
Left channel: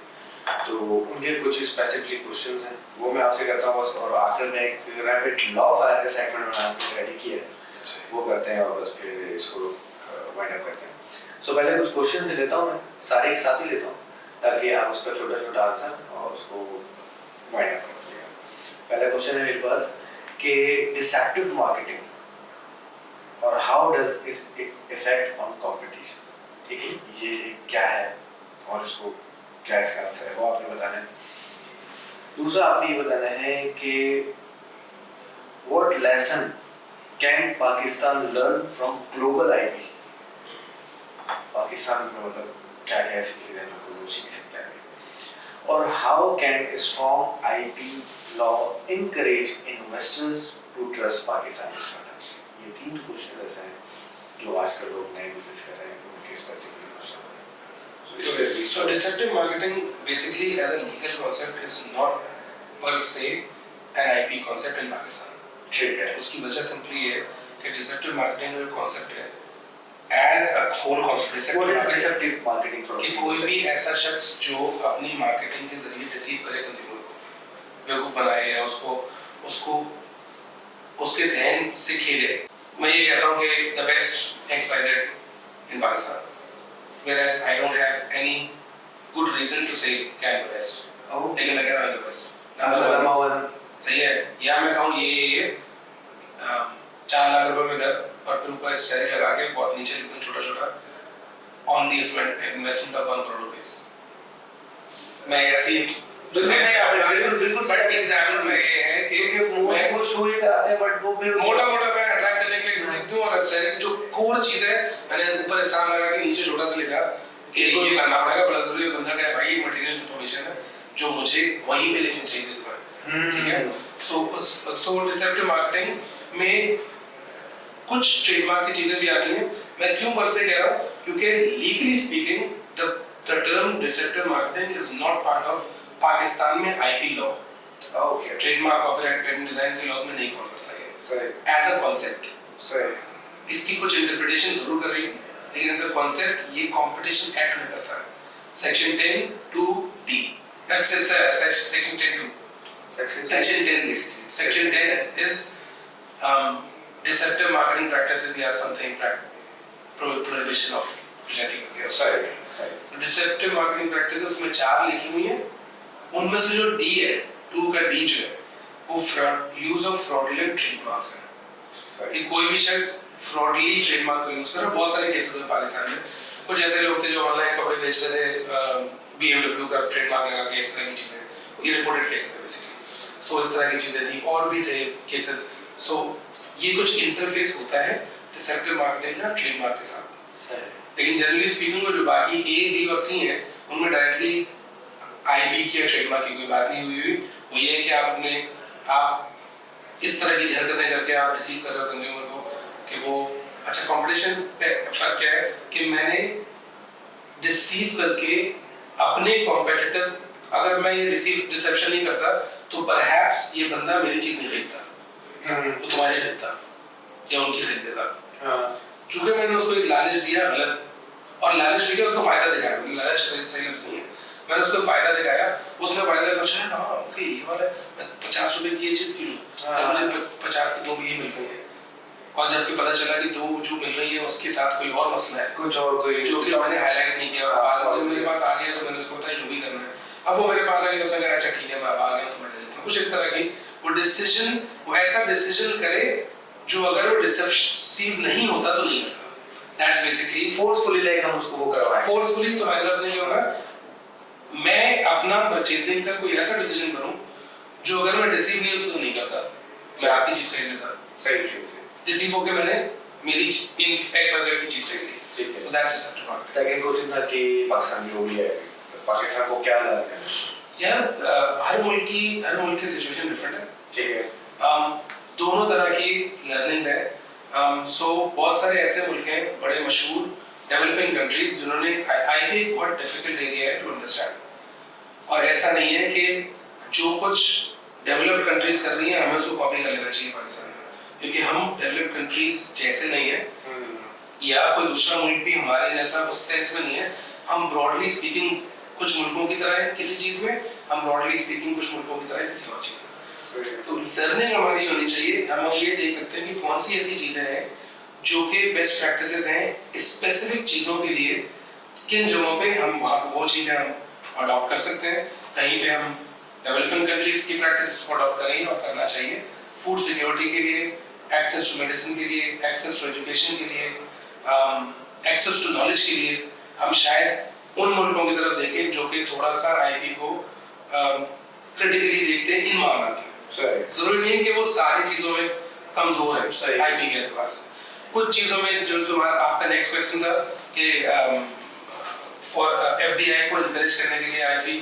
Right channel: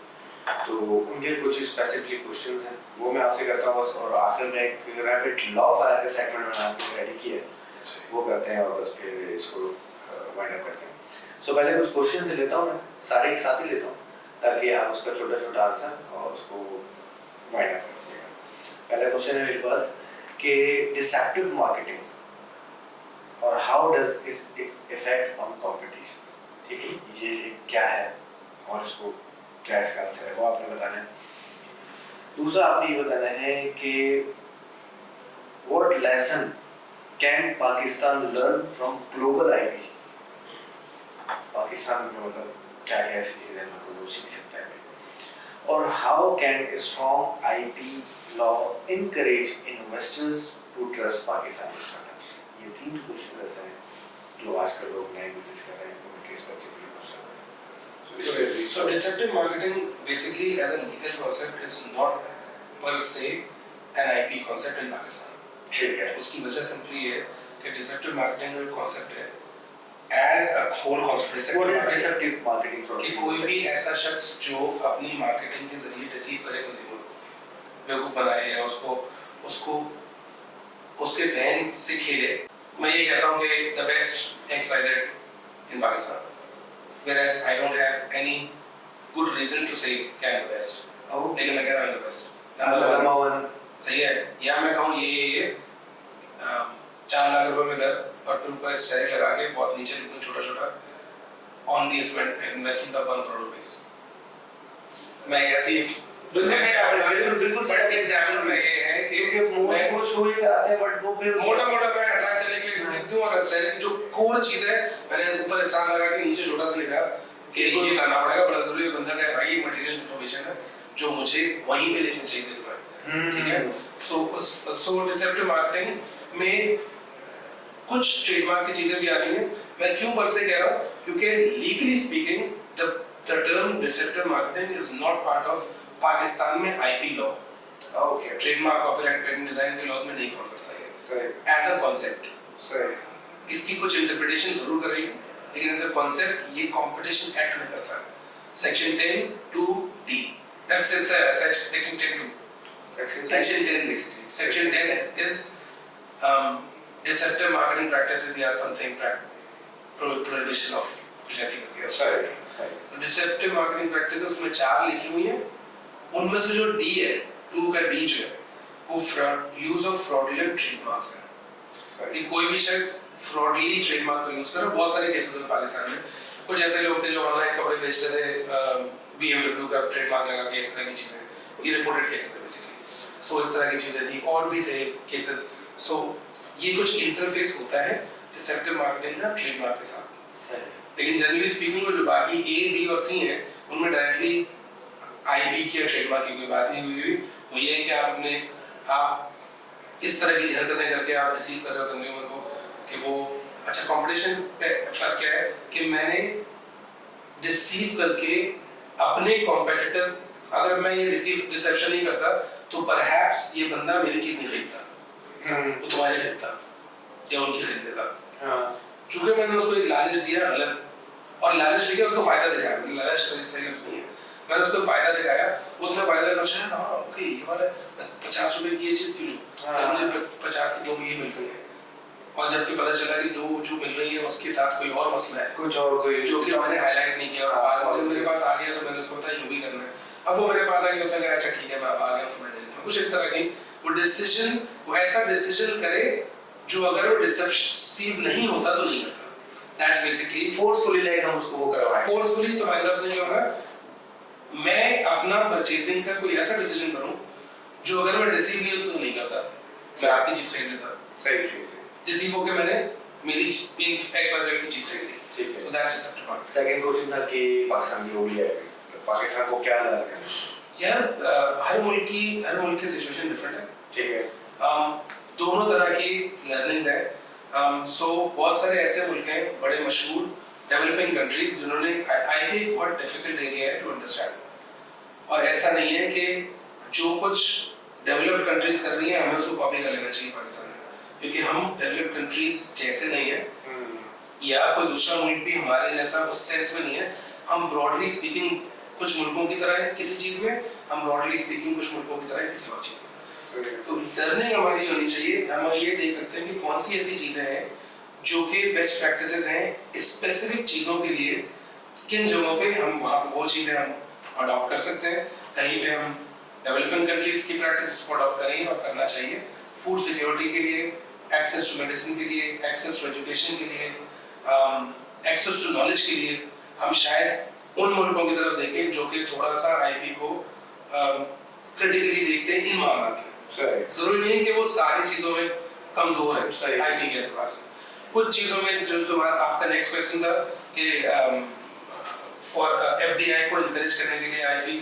तो उनके कुछ स्पेसिफिक क्वेश्चंस हैं वो मैं आपसे करता हूँ बस, और आखिर में एक रैपिड लॉ फायर का सेगमेंट मैंने आपके रेडी किया है वो करते हैं और बस फिर इसको वाइंड अप करते हैं। सो पहले कुछ क्वेश्चंस लेता हूँ, मैं सारे एक साथ ही लेता हूँ ताकि आप उसका छोटा छोटा आंसर और उसको वाइंड अप कर दीजिएगा। पहला क्वेश्चन है मेरे पास कि डिसेप्टिव मार्केटिंग और how does it effect on competition, ठीक है, ये क्या है और इसको क्या इसका आंसर है वो आपने बताना है। दूसरा आपने ये बताना है कि what lesson can Pakistan learn from global IP, Pakistan में मतलब क्या क्या ऐसी चीजें हैं जो सीख सकता है, और how can a strong IP law encourage investors to trust Pakistani startups. ये तीन क्वेश्चन ऐसे हैं जो आजकल लोग नए बिजनेस कर रहे हैं उनके स्पेसिफिक क्वेश्चन हैं। So deceptive marketing basically as a legal concept is not per se an IP concept in Pakistan. ठीक है। उसकी वजह सिंपली ये कि deceptive marketing जो concept है as a whole concept What is deceptive marketing कि कोई भी ऐसा शख्स जो अपनी मार्केटिंग के जरिए डिसीव करे कंज्यूमर को, बेवकूफ बनाए या उसको उसके ज़हन से खेले। मैं ये कहता हूँ कि the best XYZ in Pakistan, whereas I don't have any good reason to say कि I'm the best. लेकिन मैं कह रहा हूँ I'm the best. Number one सही है, या मैं कहूँ ये 4 लाख रुपए में घर और फिर ऊपर स्टैरिक लगा के बहुत नीचे लिखूँ छोटा-छोटा on the investment of 1 crore rupees. मैं ऐसी बिल्कुल बट एग्जाम्पल में ये है कि मैं कुछ शो ही कराते हैं बट वो फिर मोटा-मोटा मैं अट्रैक्ट करने के लिए लिखती हूँ और स्टैरिक जो कोर चीज़ है मैंने ऊपर स्टार लगा के नीचे छोटा सा लिखा कि ये करना पड़ेगा, बड़ा जरूरी है। बंदा कहे भाई ये मटेरियल इंफॉर्मेशन है जो मुझे वहीं पे लिखनी चाहिए तुम्हें, ठीक है। सो डिसेप्टिव मार्केटिंग में कुछ ट्रेडमार्क की चीजें भी आती हैं। मैं क्यों पर से कह रहा हूँ क्योंकि legally speaking the term deceptive marketing is not part of Pakistan में IP law. Okay, trademark copyright patent design के लॉज में नहीं फॉलो करता है सही एज अ कॉन्सेप्ट। सही इसकी कुछ इंटरप्रिटेशन जरूर करेगी लेकिन एज अ कॉन्सेप्ट ये कंपटीशन एक्ट में करता है। Section 10(2)(d that's section 10(2) section 10 basically. Section 10 is deceptive marketing practices या something prohibition of कुछ ऐसी करके Right. तो deceptive marketing practices में 4 लिखी हुई हैं। उनमें से जो D है 2 का D जो है वो use of fraudulent trademarks है कि कोई भी शख्स fraudulently trademark को यूज कर रहा है। बहुत सारे केसेस हैं पाकिस्तान में। कुछ ऐसे लोग थे जो ऑनलाइन कपड़े बेच रहे थे, BMW का ट्रेडमार्क लगा के इस तरह की चीजें, ये रिपोर्टेड केसेस थे बेसिकली। सो इस तरह की चीजें थी और भी थे केसेस। सो ये कुछ इंटरफेस होता है डिसेप्टिव मार्केटिंग का ट्रेडमार्क के साथ। लेकिन जनरली स्पीकिंग जो बाकी A, B और C हैं उनमें डायरेक्टली IP की या ट्रेडमार्क की कोई बात नहीं हुई। वो ये है कि आप इस तरह की हरकतें करके आप रिसीव कर रहे हो कंज्यूमर को कि वो अच्छा। कंपटीशन पे फर्क क्या है कि मैंने डिसीव करके अपने कॉम्पिटिटर, अगर मैं ये डिसेप्शन नहीं करता तो परहैप्स ये बंदा मेरी चीज नहीं खरीदता, वो तुम्हारी खरीदता या उनकी खरीद लेता। चूंकि मैंने उसको एक लालच दिया गलत, और लालच लेके उसको फायदा दिखाया। लालच सही नहीं है। मैंने उसको फायदा दिखाया, उसने फायदा दिखाया, अच्छा हाँ ओके ये वाला 50 रुपए की ये चीज़ क्यों लूँ, तब मुझे 50 की 2 ये मिल रही है, और जबकि पता चला कि 2 जो मिल रही है उसके साथ कोई और मसला है, कुछ और कोई जो कि मैंने हाईलाइट नहीं किया, और बाद में जब मेरे पास आ गया तो मैंने उसको बताया यूँ भी करना है। अब वो मेरे पास आ गया, उसने कहा अच्छा ठीक है मैं अब आ गया तो मैं दे देता हूँ, कुछ इस तरह की वो डिसीजन, वो ऐसा डिसीजन करे जो अगर वो डिसेप्टिव नहीं होता तो नहीं करता। दैट्स बेसिकली फोर्सफुली लाइक हम उसको वो करवाएं। फोर्सफुली तो मतलब नहीं होगा, मैं अपना परचेजिंग का कोई ऐसा डिसीजन करूं जो अगर मैं डिसीव नहीं होता तो नहीं करता, मैं आपकी चीज खरीद लेता, सही सही डिसीव होके मैंने मेरी इन एक्सवाइजेड की चीज खरीद ली, ठीक है। तो that's deceptive market. Second question था कि पाकिस्तान जो भी है, पाकिस्तान को क्या लर्न करना है? यार हर मुल्क की सिचुएशन डिफरेंट है, ठीक है, दोनों तरह की लर्निंग्स है। सो बहुत सारे ऐसे मुल्क हैं बड़े मशहूर डेवलपिंग कंट्रीज जिन्होंने आईपी बहुत डिफिकल्ट एरिया है टू अंडरस्टैंड, और ऐसा नहीं है कि जो कुछ डेवलप्ड कंट्रीज कर रही हैं हमें उसको कॉपी कर लेना चाहिए पाकिस्तान में, क्योंकि हम डेवलप्ड कंट्रीज जैसे नहीं है, या कोई दूसरा मुल्क भी हमारे जैसा उस सेंस में नहीं है। हम ब्रॉडली स्पीकिंग कुछ मुल्कों की तरह है किसी चीज में, हम ब्रॉडली स्पीकिंग कुछ मुल्कों की तरह है किसी और चीज में। तो लर्निंग हमारी होनी चाहिए, हम ये देख सकते हैं कि कौन सी ऐसी चीजें हैं जो कि बेस्ट प्रैक्टिसेस हैं स्पेसिफिक चीजों के लिए, किन जगहों पे हम वहाँ वो चीजें हम अडॉप्ट कर सकते हैं, कहीं पे हम डेवलपिंग कंट्रीज की प्रैक्टिस को अडॉप्ट करेंगे और करना चाहिए। फूड सिक्योरिटी के लिए, एक्सेस टू मेडिसिन के लिए, एक्सेस टू एजुकेशन के लिए, एक्सेस टू नॉलेज के लिए हम शायद उन मुल्कों की तरफ देखें जो कि थोड़ा सा आईपी को क्रिटिकली देखते हैं इन मामलों में। जरूरी नहीं कि वो सारी चीजों में कमजोर है आईपी के एतबार से, कुछ चीजों में जो तुम्हारा आपका नेक्स्ट क्वेश्चन था कि फॉर एफडीआई को एनकरेज करने के लिए IP,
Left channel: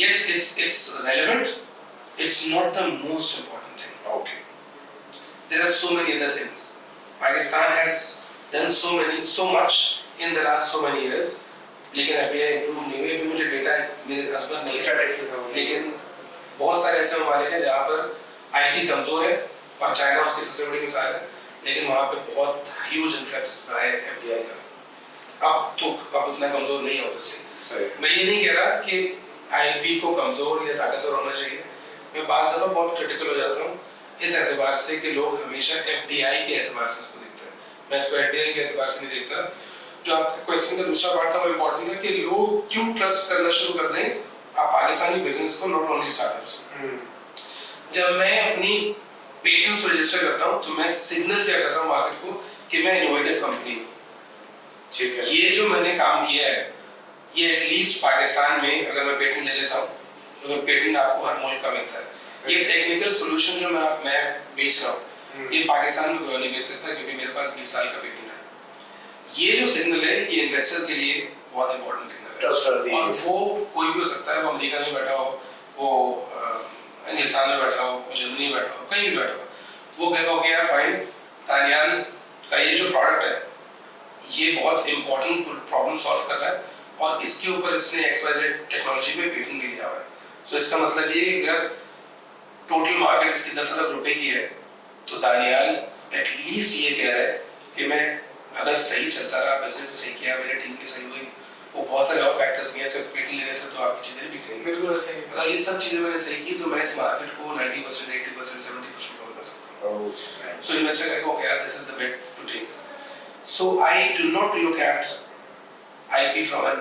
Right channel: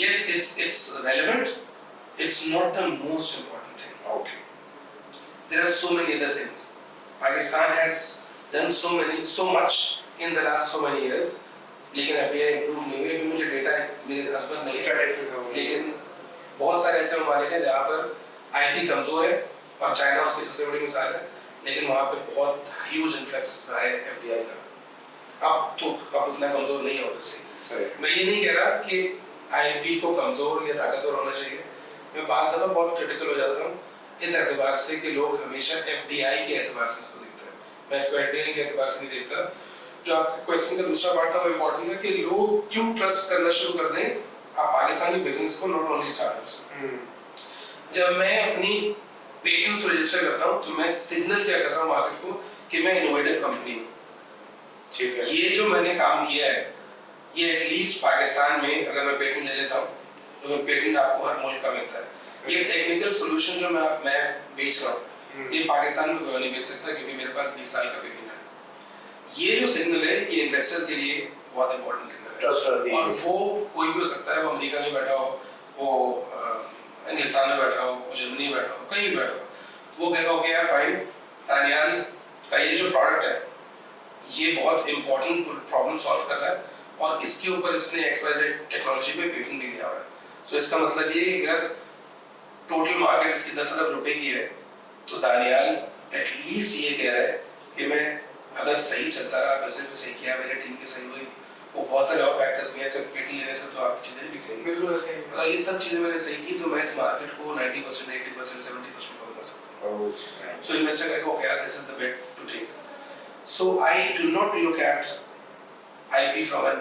yes it's relevant, it's not the most important thing. Okay. There are so many other things. Pakistan has done so much in the last so many years, लेकिन FDI improve नहीं हुई। अभी मुझे data मेरे husband नहीं है, लेकिन बहुत सारे ऐसे ममालिक हैं जहाँ पर आईपी कमजोर है, और चाइना उसकी सबसे बड़ी मिसाल है, लेकिन वहाँ पे बहुत ह्यूज इन्फ्लक्स रहा है एफडीआई का। अब उतना कमजोर नहीं है ऑब्वियसली। मैं ये नहीं कह रहा कि आईपी को कमजोर या ताकतवर होना चाहिए, मैं बात दफा बहुत क्रिटिकल हो जाता हूँ इस एतबार से कि लोग हमेशा एफडीआई के एतबार से इसको देखते हैं, मैं इसको एफडीआई के एतबार से नहीं देखता। जो आपके क्वेश्चन का दूसरा पार्ट था वो इम्पोर्टेंट था कि लोग क्यों ट्रस्ट करना शुरू कर दें आप पाकिस्तानी बिजनेस को, नॉट ओनली स्टार्टअप्स। जब मैं अपनी पेटेंट्स रजिस्टर करता हूँ तो मैं सिग्नल क्या कर रहा हूँ मार्केट को कि मैं इनोवेटिव कंपनी हूँ। ठीक है, ये जो मैंने काम किया है ये एटलीस्ट पाकिस्तान में अगर मैं पेटेंट ले लेता हूँ, तो पेटेंट आपको हर मुल्क का मिलता है, ये टेक्निकल सॉल्यूशन जो मैं बेच रहा हूँ ये पाकिस्तान में कोई नहीं बेच सकता क्योंकि मेरे पास 20 साल का पेटेंट है। ये जो सिग्नल है ये इन्वेस्टर के लिए बहुत इंपॉर्टेंट सिग्नल है, और वो कोई भी हो सकता है, वो अमेरिका में बैठा हो, वो हिंदुस्तान में बैठा हो, वो जर्मनी में बैठा हो, कहीं भी बैठा हो, वो कहेगा ओके यार फाइन, तानियाल का ये जो प्रोडक्ट है ये बहुत इंपॉर्टेंट प्रॉब्लम सॉल्व कर रहा है और इसके ऊपर इसने एक्सवाइजेड टेक्नोलॉजी पे पेटेंट भी लिया हुआ है। तो इसका मतलब ये कि अगर टोटल मार्केट इसकी 10 अरब रुपए की है तो दानियाल एटलीस्ट ये कह रहा है कि मैं अगर सही चलता रहा, बिजनेस को सही किया, मेरी टीम की सही हुई, वो बहुत सारे और फैक्टर्स भी हैं, सिर्फ पेटेंट लेने से तो आपकी चीजें नहीं बिकेंगी। अगर ये सब चीजें मैंने सही की तो मैं इस मार्केट को 90%, 80%, 70% कवर कर सकता हूँ। सो इन्वेस्टर कहेगा ओके यार this is the bet to take. So I do not look at IP from an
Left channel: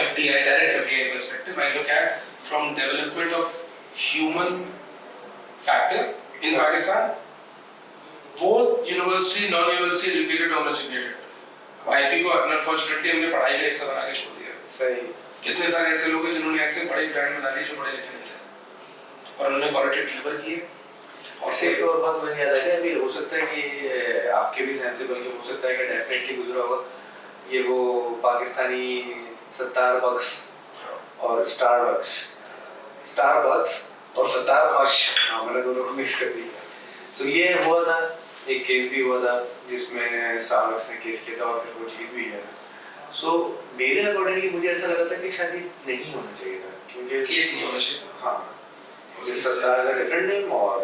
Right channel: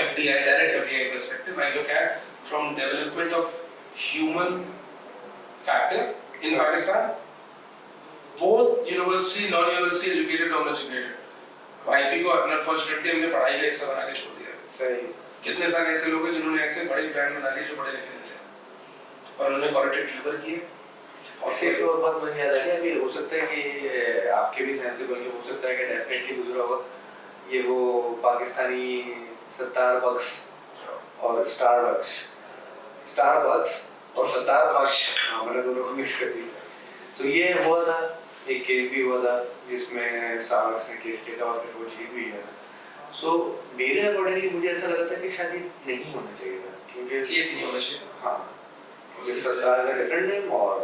FDI, direct FDI perspective. I look at from development of human factor in Pakistan, both university, non-university, educated, non-educated. IP को unfortunately हमने पढ़ाई का हिस्सा बना के छोड़ दिया। सही। कितने सारे ऐसे लोग हैं जिन्होंने ऐसे बड़े ब्रांड बना लिए जो बड़े लिखे नहीं थे और उन्होंने क्वालिटी डिलीवर की है। और सिर्फ और बात बन जाता है अभी हो सकता है कि आपके भी सेंसिबल के हो सकता है कि डेफिनेटली गुजरा होगा ये वो पाकिस्तानी स्टारबक्स और स्टारबक्स और स्टारबक्स, हाँ मैंने दोनों को मिक्स कर दिया। तो ये हुआ था, एक केस भी हुआ था जिसमें स्टारबक्स ने केस किया था और फिर वो जीत भी गया। सो मेरे अकॉर्डिंगली मुझे ऐसा लगा था कि शायद नहीं होना चाहिए था क्योंकि केस नहीं होना चाहिए। हाँ, स्टार का डिफरेंट नेम और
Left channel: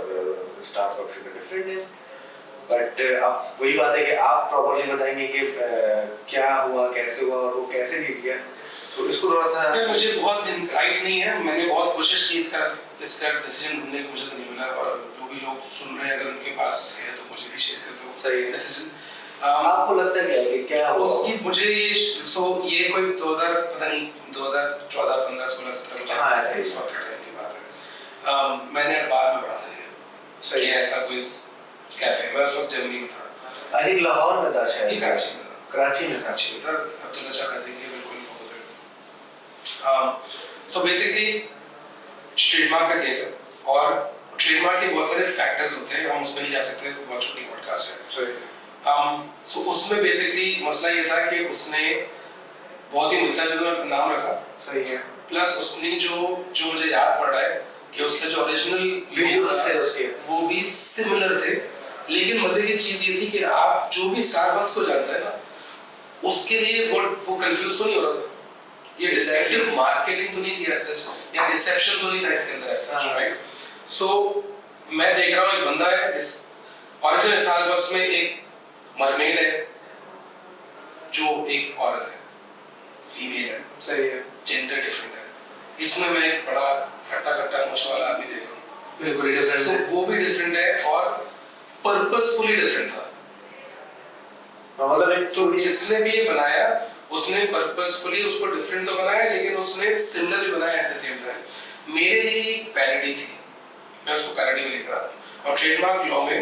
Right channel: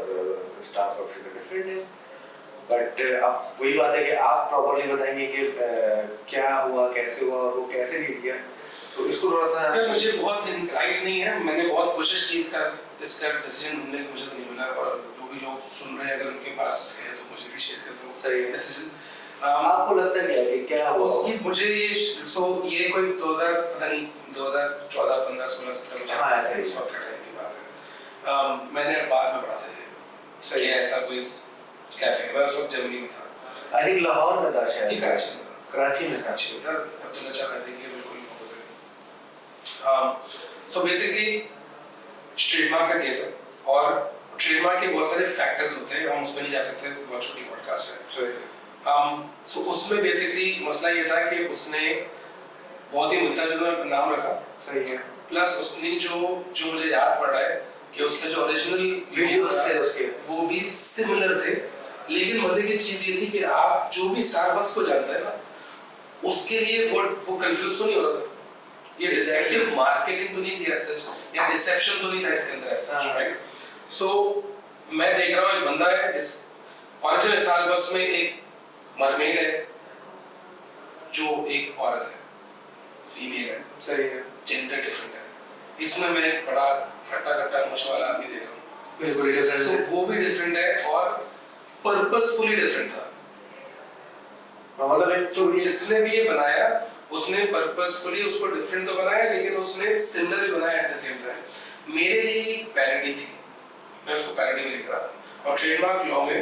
स्टारबक्स का डिफरेंट नेम, बट अब वही बात है कि आप प्रॉपर्ली बताएंगे कि क्या हुआ, कैसे हुआ और वो कैसे जीत गया। तो इसको थोड़ा सा यार मुझे बहुत इंसाइट नहीं है, मैंने बहुत कोशिश की इसका डिसीजन ढूंढने की, मुझे तो नहीं मिला। और जो भी लोग सुन रहे हैं अगर उनके पास है तो मुझे भी शेयर कर दो सही है। डिसीजन। आपको लगता है क्या कि क्या हुआ? उसकी मुझे ये कोई 2000 पता नहीं 2014 15 16 17 कुछ हाँ, ऐसा सही इस वक्त का टाइम की बात है। मैंने अखबार में पढ़ा था सही ये है। ऐसा कोई कैफे, मैं उस वक्त जर्मनी में था। आई थिंक लाहौर में था शायद। ये कराची में था। कराची में था। कराची में था, अब्दुल्ला शाह खाजी के बिल्कुल ऑपोजिट। सो बेसिकली ट्रेडमार्क का केस है और ट्रेडमार्क के बहुत सारे फैक्टर्स होते हैं, हम उसमें नहीं जा सकते, बहुत छोटी पॉडकास्ट है। सही है। सो उसमें बेसिकली मसला ये था कि उसने बहुत ही मिलता जुलता नाम रखा। सही है। प्लस उसने जो मुझे याद पड़ रहा है कि उसके जो ओरिजिनल विजुअल्स थे उसके, वो भी सिमिलर थे। लेकिन मजे की चीज ये थी कि आप जो भी स्टारबक्स को जानते हैं ना, उसके लिए वो कंफ्यूज तो नहीं हो रहा था। ये डिसेप्टिव मार्केटिंग तो नहीं थी ऐसा, या डिसेप्शन तो नहीं था इसके अंदर ऐसा, राइट? सो मैं देख रहा हूँ एक बंदा है जिस ओरिजिनल स्टारबक्स में एक मरमेड है जो एक औरत है, फीमेल है। सही है। जेंडर डिफरेंट है। इसमें मैं एक बड़ा हट्टा कट्टा मूछ वाला आदमी देख रहा हूँ, बिल्कुल डिफरेंट है। तो वो भी डिफरेंट है और पर्पसफुली डिफरेंट था। मतलब एक तो जिसने भी ये बनाया उसने पर्पसफुली उसको डिफरेंट तो बनाया, लेकिन उसने सिमिलर भी बनाया एट द सेम टाइम। मेरे लिए एक पैरोडी थी, मैं उसको पैरोडी में लिख रहा था। और ट्रेडमार्क लॉ में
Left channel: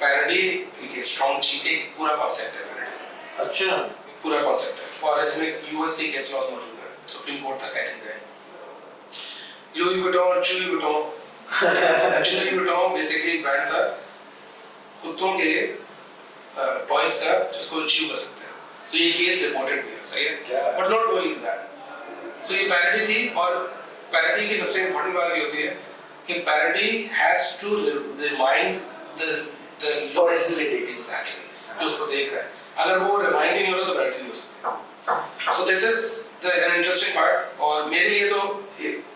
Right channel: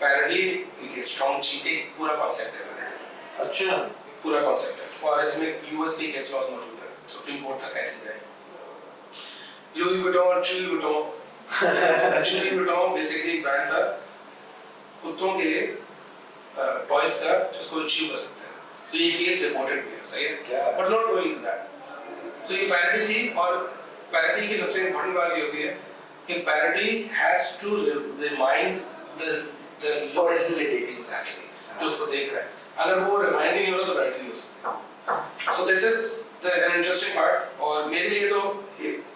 पैरोडी एक स्ट्रॉन्ग चीज, एक पूरा कॉन्सेप्ट है पैरोडी। अच्छा। पूरा कॉन्सेप्ट है और इसमें यूएस के केस लॉज मौजूद है, सुप्रीम कोर्ट तक आई थिंक है। लुई वुइटन, चुई वुइटन बेसिकली एक ब्रांड था कुत्तों के टॉयज का जिसको च्यू कर सकते हैं। तो ये केस रिपोर्टेड भी है, सही है, but not going to that. तो ये पैरोडी थी और पैरोडी की सबसे इम्पोर्टेंट बात ये होती है कि parody has to remind the originality. Exactly जो उसको देख रहा है, अगर वो रिमाइंड नहीं हो रहा तो पैरोडी नहीं हो सकती। So this is an interesting part. और मेरे लिए तो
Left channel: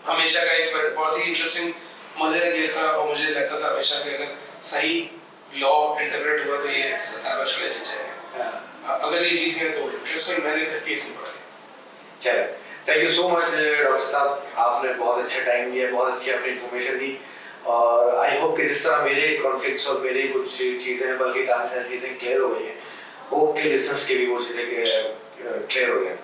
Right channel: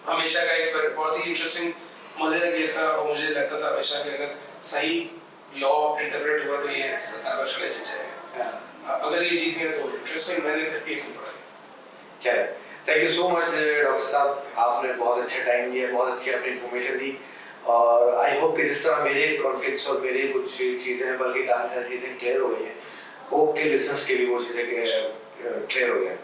हमेशा का एक बहुत ही इंटरेस्टिंग मजे का केस था और मुझे लगता था हमेशा कि अगर सही लॉ इंटरप्रेट हुआ तो ये 17 वर्ष चले जाएंगे। अगर ये जीत गए तो इंटरेस्टिंग, मैंने केस नहीं पढ़ा। चलो, thank you so much doctor साहब, आपने बहुत अच्छा टाइम दिया, बहुत अच्छी आपने इन्फॉर्मेशन दी। और आई होप कि जिस तरह मेरे कॉन्फ्लिक्ट्स और मेरे कुछ चीज़ें हैं, बल्कि काफ़ी सारी चीज़ें क्लियर हो गई हैं, होप के लिसनर्स के भी वो चीज़ें क्लियर हो गए।